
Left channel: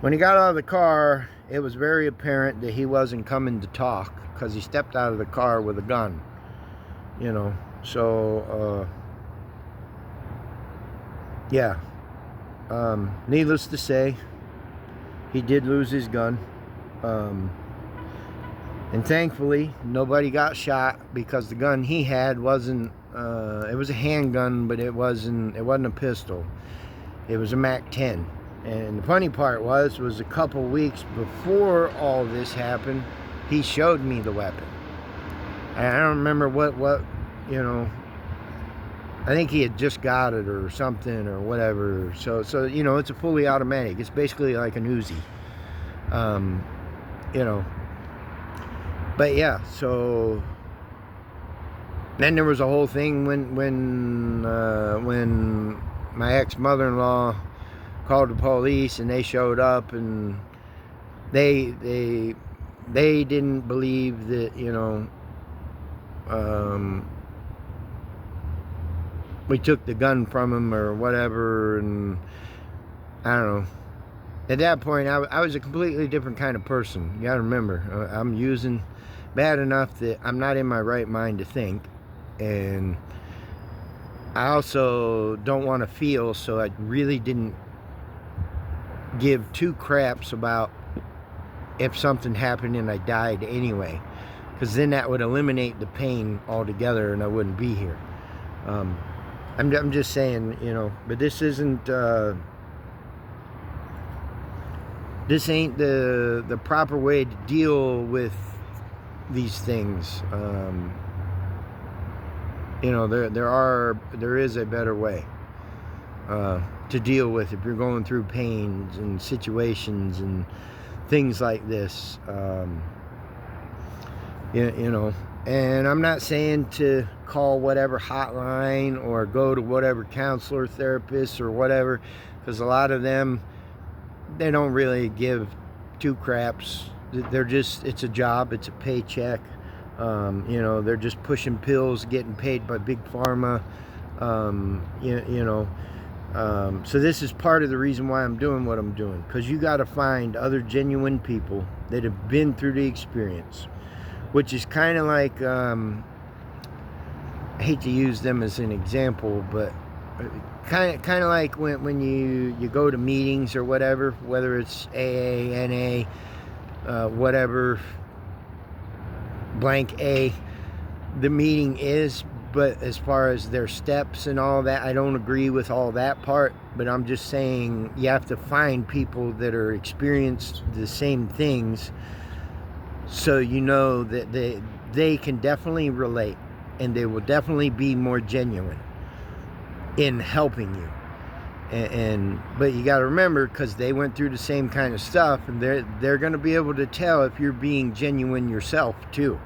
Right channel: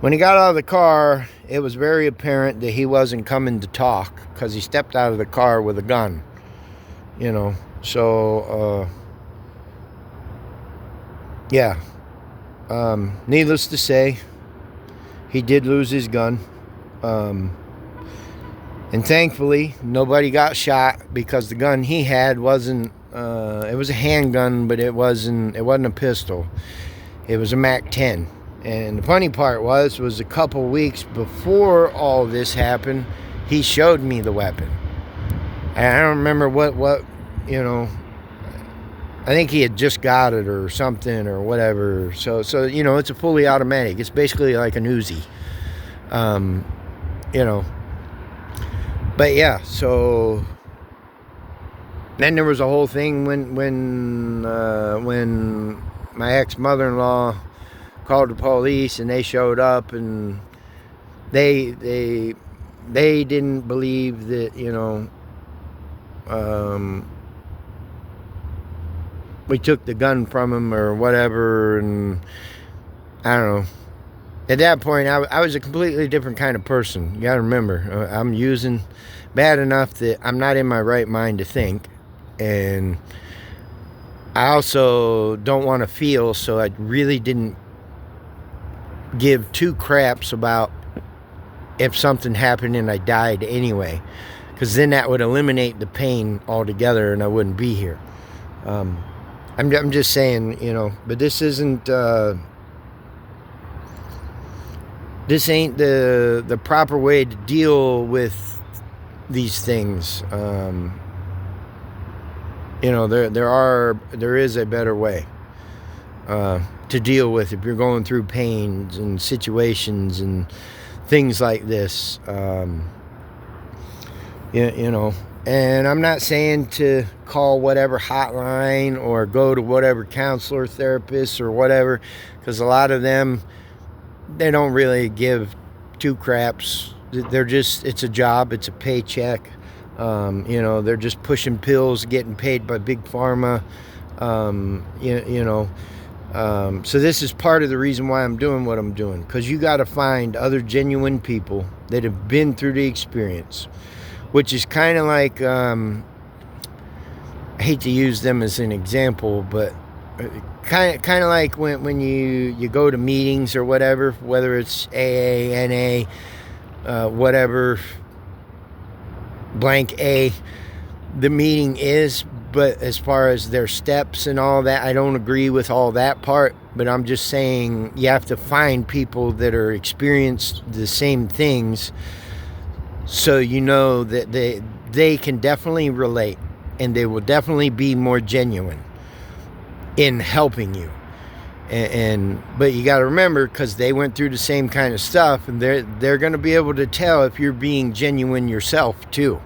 when he got out of the car, it was very apparent that he wasn't coming to talk, because he stepped out of the car with a gun, you know. So yeah, needless to say, he did lose his gun, and thankfully nobody got shot, because the gun he had wasn't it was a handgun, but it wasn't a pistol. It was a MAC-10. And the funny part was a couple weeks before all this happened, he showed me the weapon, and I don't remember what you know, I think he had just got it or something or whatever. So you know, it's a fully automatic. It's basically like an Uzi, you know. But yeah, so then there was a whole thing when my ex-mother-in-law called the police, and they showed up, and they didn't believe that, you know, we took the gun from him or whatever. And I don't know, at that point I was a completely different kind of person. You gotta remember, I'm using bad enough that I'm not in my right mind to think, and I also don't want to feel, so I really didn't give two craps about if something happened and I died anyway, because then that would eliminate the pain altogether and I wouldn't be here. I'm just saying, you know, but this isn't this ain't the proper way to deal with these things. You know, there is a better way to deal with if you're going through pains and situations and things like this. You know, and I'm not saying to call whatever hotline or go to whatever counselor, therapist, or whatever, because a lot of them, they don't really give two craps. They're just, it's a job, it's a paycheck. You know, they're just pushing pills, getting paid by Big Pharma. You know, so this is part of the reason why I'm doing what I'm doing, because you got to find other genuine people that have been through the experience, which is kind of like, I hate to use them as an example, but kind of like when you go to meetings or whatever, whether it's AA, NA, whatever, blank A, the meeting is. But as far as their steps and all that, I don't agree with all that part. But I'm just saying you have to find people that are experienced the same things, so you know that they can definitely relate, and they will definitely be more genuine in helping you. But you got to remember, because they went through the same kind of stuff, and they're going to be able to tell if you're being genuine yourself too.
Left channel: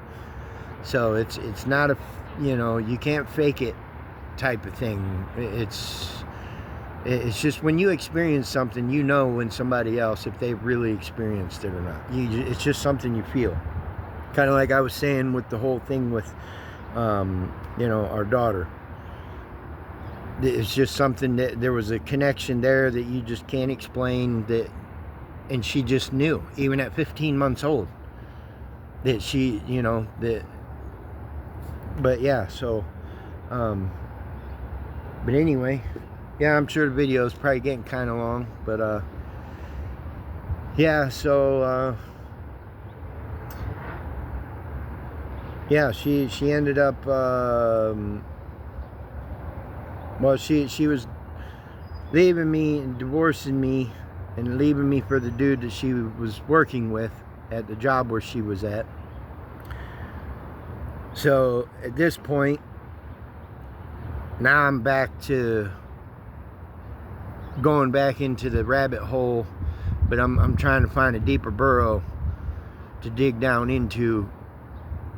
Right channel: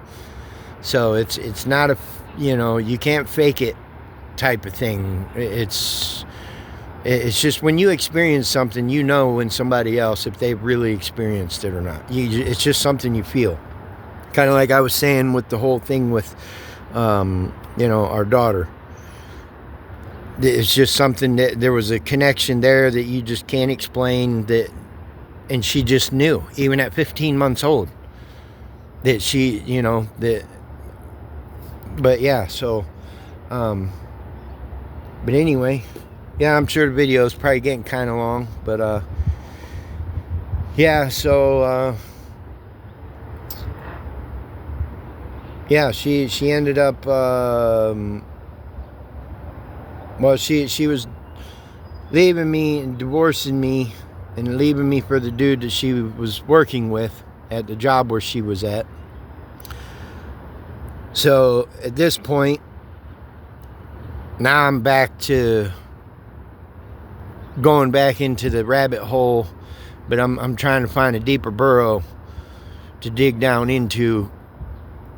So it's not a, you can't fake it type of thing. It's just when you experience something, you know when somebody else, if they've really experienced it or not. It's just something you feel. Kind of like I was saying with the whole thing with, our daughter. It's just something that there was a connection there that you just can't explain, and she just knew, even at 15 months old, that she, that. But yeah, so, but anyway, yeah, I'm sure the video is probably getting kind of long, but, yeah, so, yeah, she ended up, well, she was leaving me and divorcing me and leaving me for the dude that she was working with at the job where she was at. So at this point, now I'm back to going back into the rabbit hole, but I'm trying to find a deeper burrow to dig down into,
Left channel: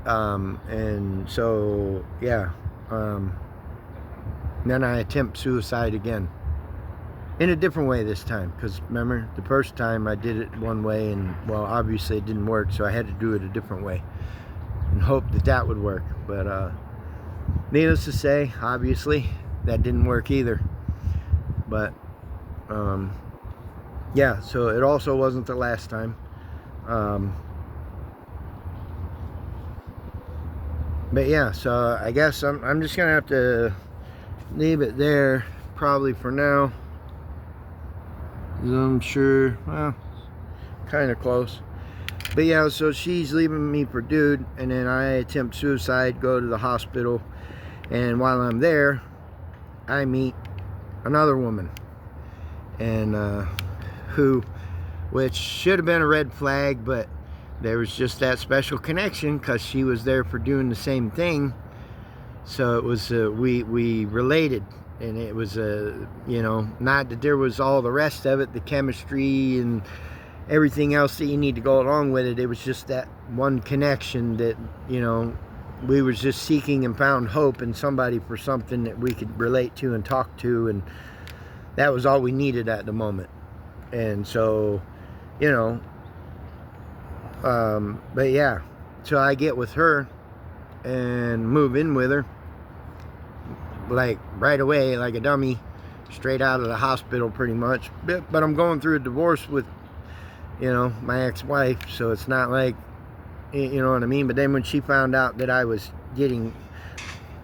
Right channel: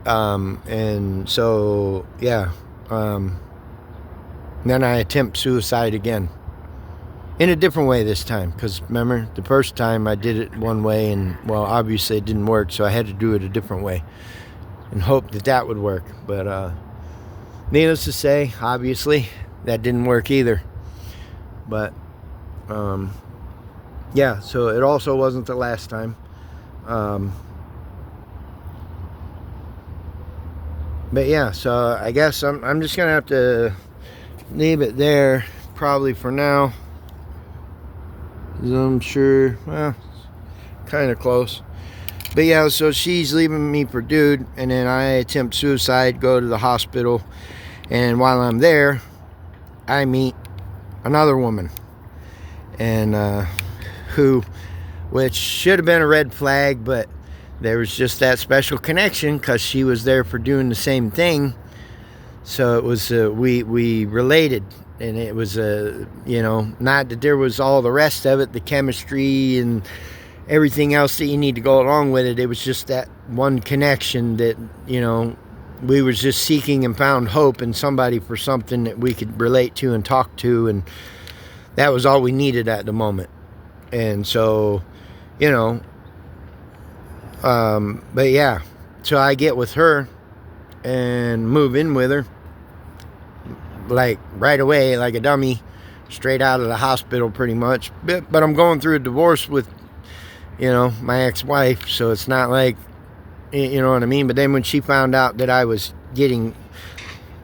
and so yeah, then I attempt suicide again, in a different way this time, because remember the first time I did it one way, and well, obviously it didn't work, so I had to do it a different way and hope that would work. But needless to say, obviously that didn't work either. But yeah, so it also wasn't the last time. But yeah, so I guess I'm just gonna have to leave it there probably for now. I'm sure, well, kind of close. But yeah, so she's leaving me for dude, and then I attempt suicide, go to the hospital, and while I'm there, I meet another woman, and which should have been a red flag, but there was just that special connection because she was there for doing the same thing. So it was, we related, and it was, not that there was all the rest of it, the chemistry and everything else that you need to go along with it. It was just that one connection that, we were just seeking and found hope in somebody for something that we could relate to and talk to, and that was all we needed at the moment. And so, but yeah, so I get with her and move in with her, like right away, like a dummy, straight out of the hospital pretty much. But I'm going through a divorce with, my ex-wife, so it's not like, you know what I mean. But then when she found out that I was getting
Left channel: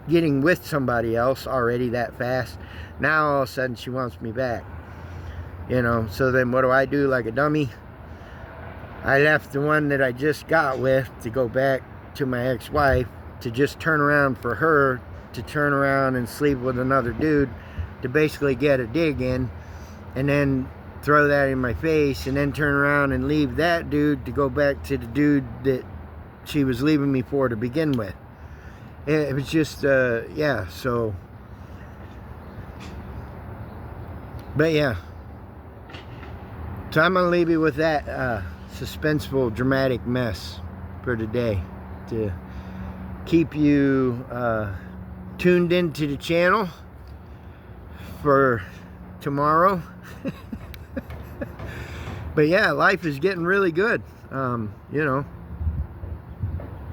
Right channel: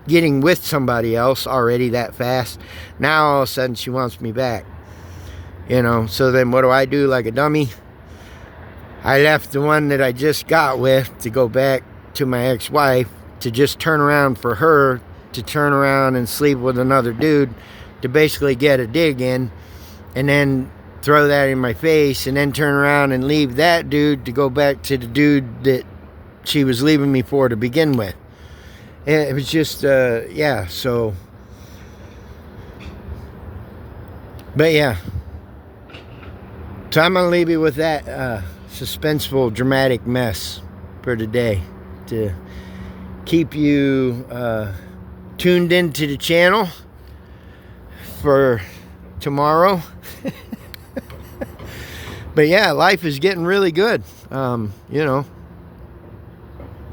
with somebody else already that fast, now all of a sudden she wants me back, so then what do? Like a dummy, I left the one that I just got with to go back to my ex-wife, to just turn around for her to turn around and sleep with another dude, to basically get a dig in, and then throw that in my face, and then turn around and leave that dude to go back to the dude that she was leaving me for to begin with. And it was just, yeah, so, but yeah, so I'm gonna leave you with that suspenseful, dramatic mess for today, to keep you tuned into the channel for tomorrow. But yeah, life is getting really good.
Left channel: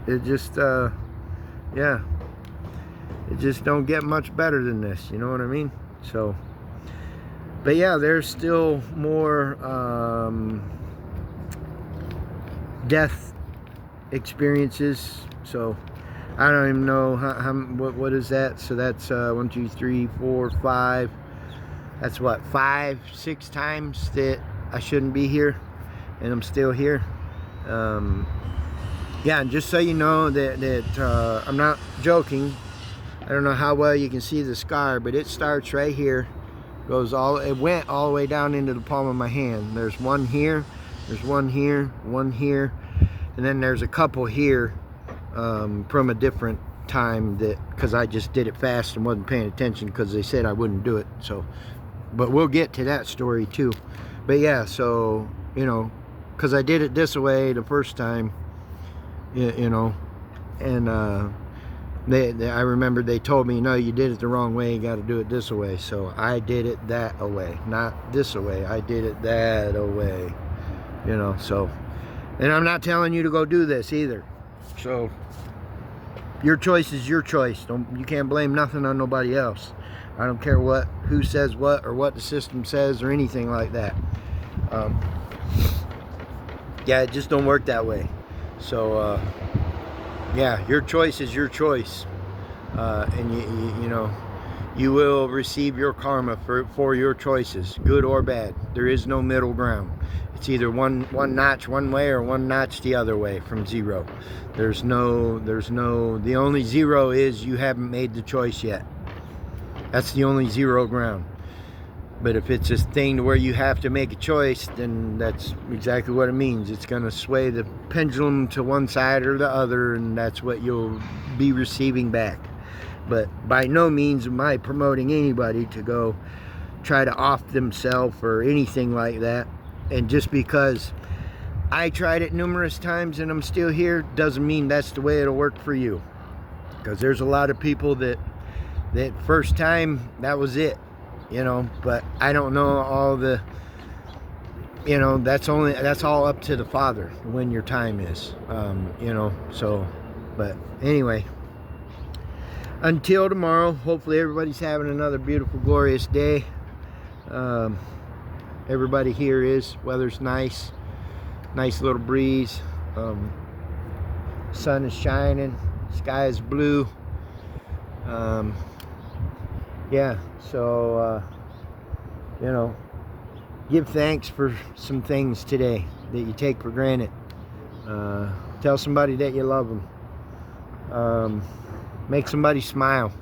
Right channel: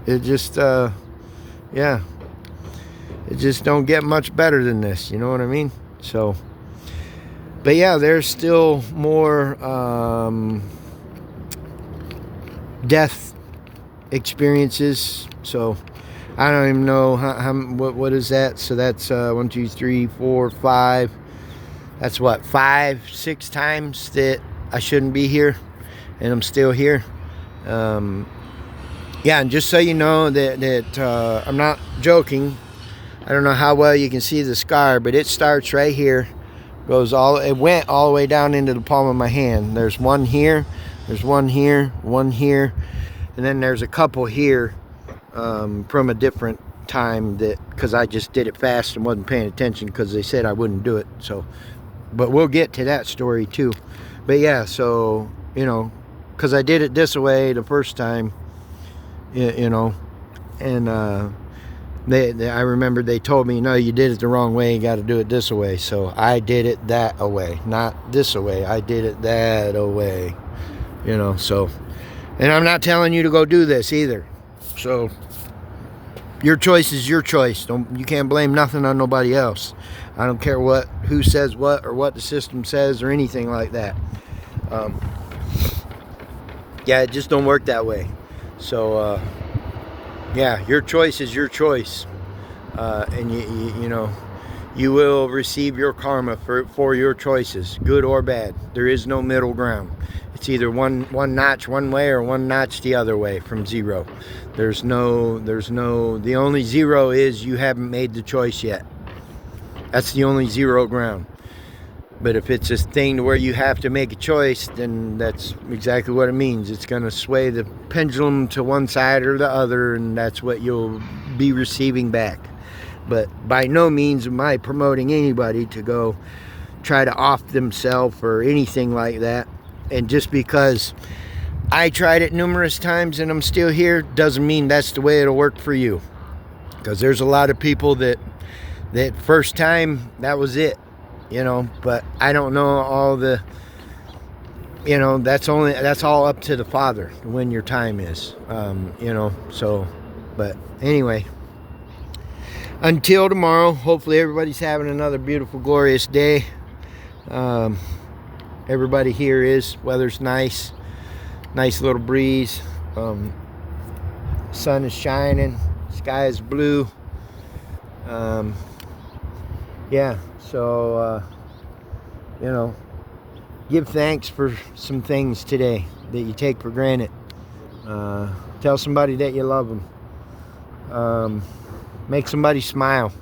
It just, yeah, it just don't get much better than this, you know what I mean? So, but yeah, there's still more death experiences, so I don't even know what is that. So that's 1, 2, 3, 4, 5. That's what, 5, 6 times that I shouldn't be here, and I'm still here. Yeah, and just so you know that I'm not joking. I don't know how well you can see the scar, but it starts right here, it went all the way down into the palm of my hand. There's one here, there's one here, one here, and then there's a couple here from a different time, because I just did it fast and wasn't paying attention because they said I wouldn't do it. So, but we'll get to that story too. But yeah, so, you know, because I did it this way the first time, you know, and I remember they told me, no, you did it the wrong way, you got to do it this way. So I did it that way, not this way. I did it that way, you know. So, and I'm not telling you to go do this either. So your choice is your choice. You can't blame nothing on nobody else. I don't care who says what, or what the system says, or anything like that. Yeah, it just don't work that way. So yeah, your choice is your choice, and you know, you will receive your karma for your choices, good or bad. There is no middle ground. It's either one notch one way or one notch the other way from zero. There's no, the only zero is you haven't made the choice yet. That's the only zero ground. But if it's a thing to where you have to make a choice, then that's exactly what it means. It's going to sway the pendulum to one side or the other, and that's what you'll be receiving back. But by no means am I promoting anybody to go try to off themselves or anything like that. And just because I tried it numerous times and I'm still here, doesn't mean that's the way it'll work for you. Because there's a lot of people that first time, that was it. You know, but I don't know all the, you know, that's all up to the Father when your time is, you know. So, but anyway, until tomorrow, hopefully everybody's having another beautiful, glorious day. Everybody here is. Weather's nice little breeze. Sun is shining, sky is blue. Yeah, so you know, give thanks for some things today that you take for granted. Tell somebody that you love them. Make somebody smile.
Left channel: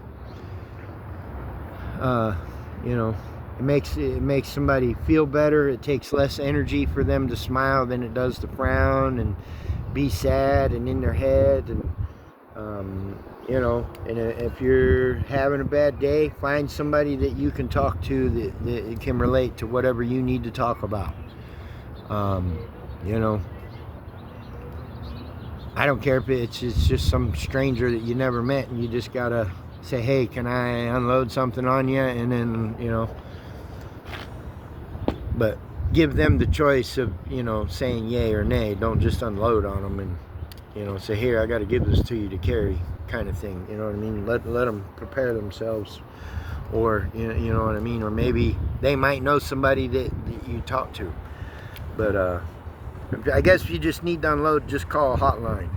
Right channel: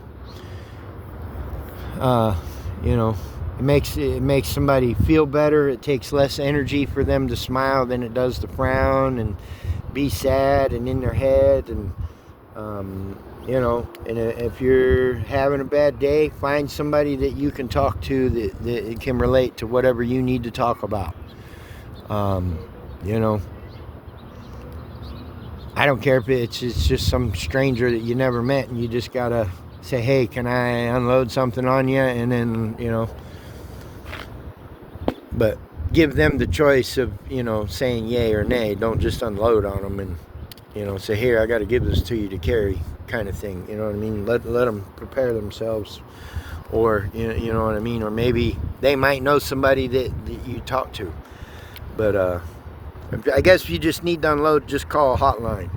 You know, it makes somebody feel better. It takes less energy for them to smile than it does to frown and be sad and in their head. And you know, and if you're having a bad day, find somebody that you can talk to that can relate to whatever you need to talk about. You know, I don't care if it's just some stranger that you never met, and you just gotta say, hey, can I unload something on you? And then, you know, but give them the choice of, you know, saying yay or nay. Don't just unload on them and, you know, say, here, I got to give this to you to carry, kind of thing. You know what I mean? Let them prepare themselves, or you know what I mean? Or maybe they might know somebody that you talk to. But I guess if you just need to unload, just call a hotline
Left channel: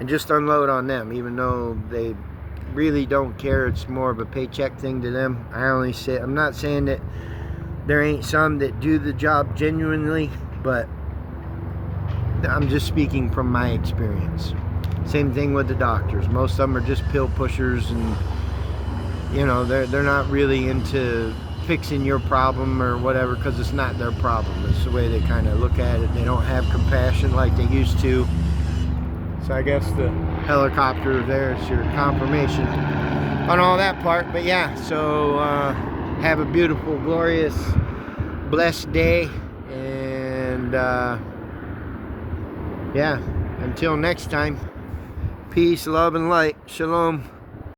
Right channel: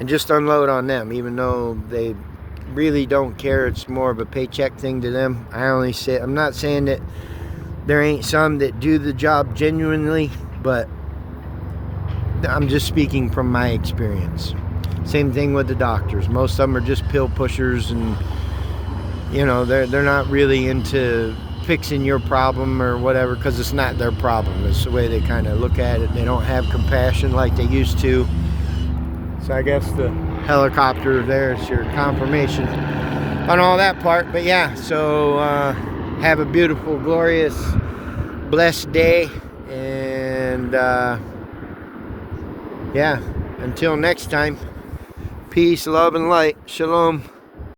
and just unload on them, even though they really don't care. It's more of a paycheck thing to them. I'm not saying that there ain't some that do the job genuinely, but I'm just speaking from my experience. Same thing with the doctors. Most of them are just pill pushers, and you know, they're not really into fixing your problem or whatever, because it's not their problem. It's the way they kind of look at it. They don't have compassion like they used to. So I guess the helicopter there is your confirmation on all that part. But yeah, so have a beautiful, glorious, blessed day, and yeah, until next time, peace, love, and light. Shalom.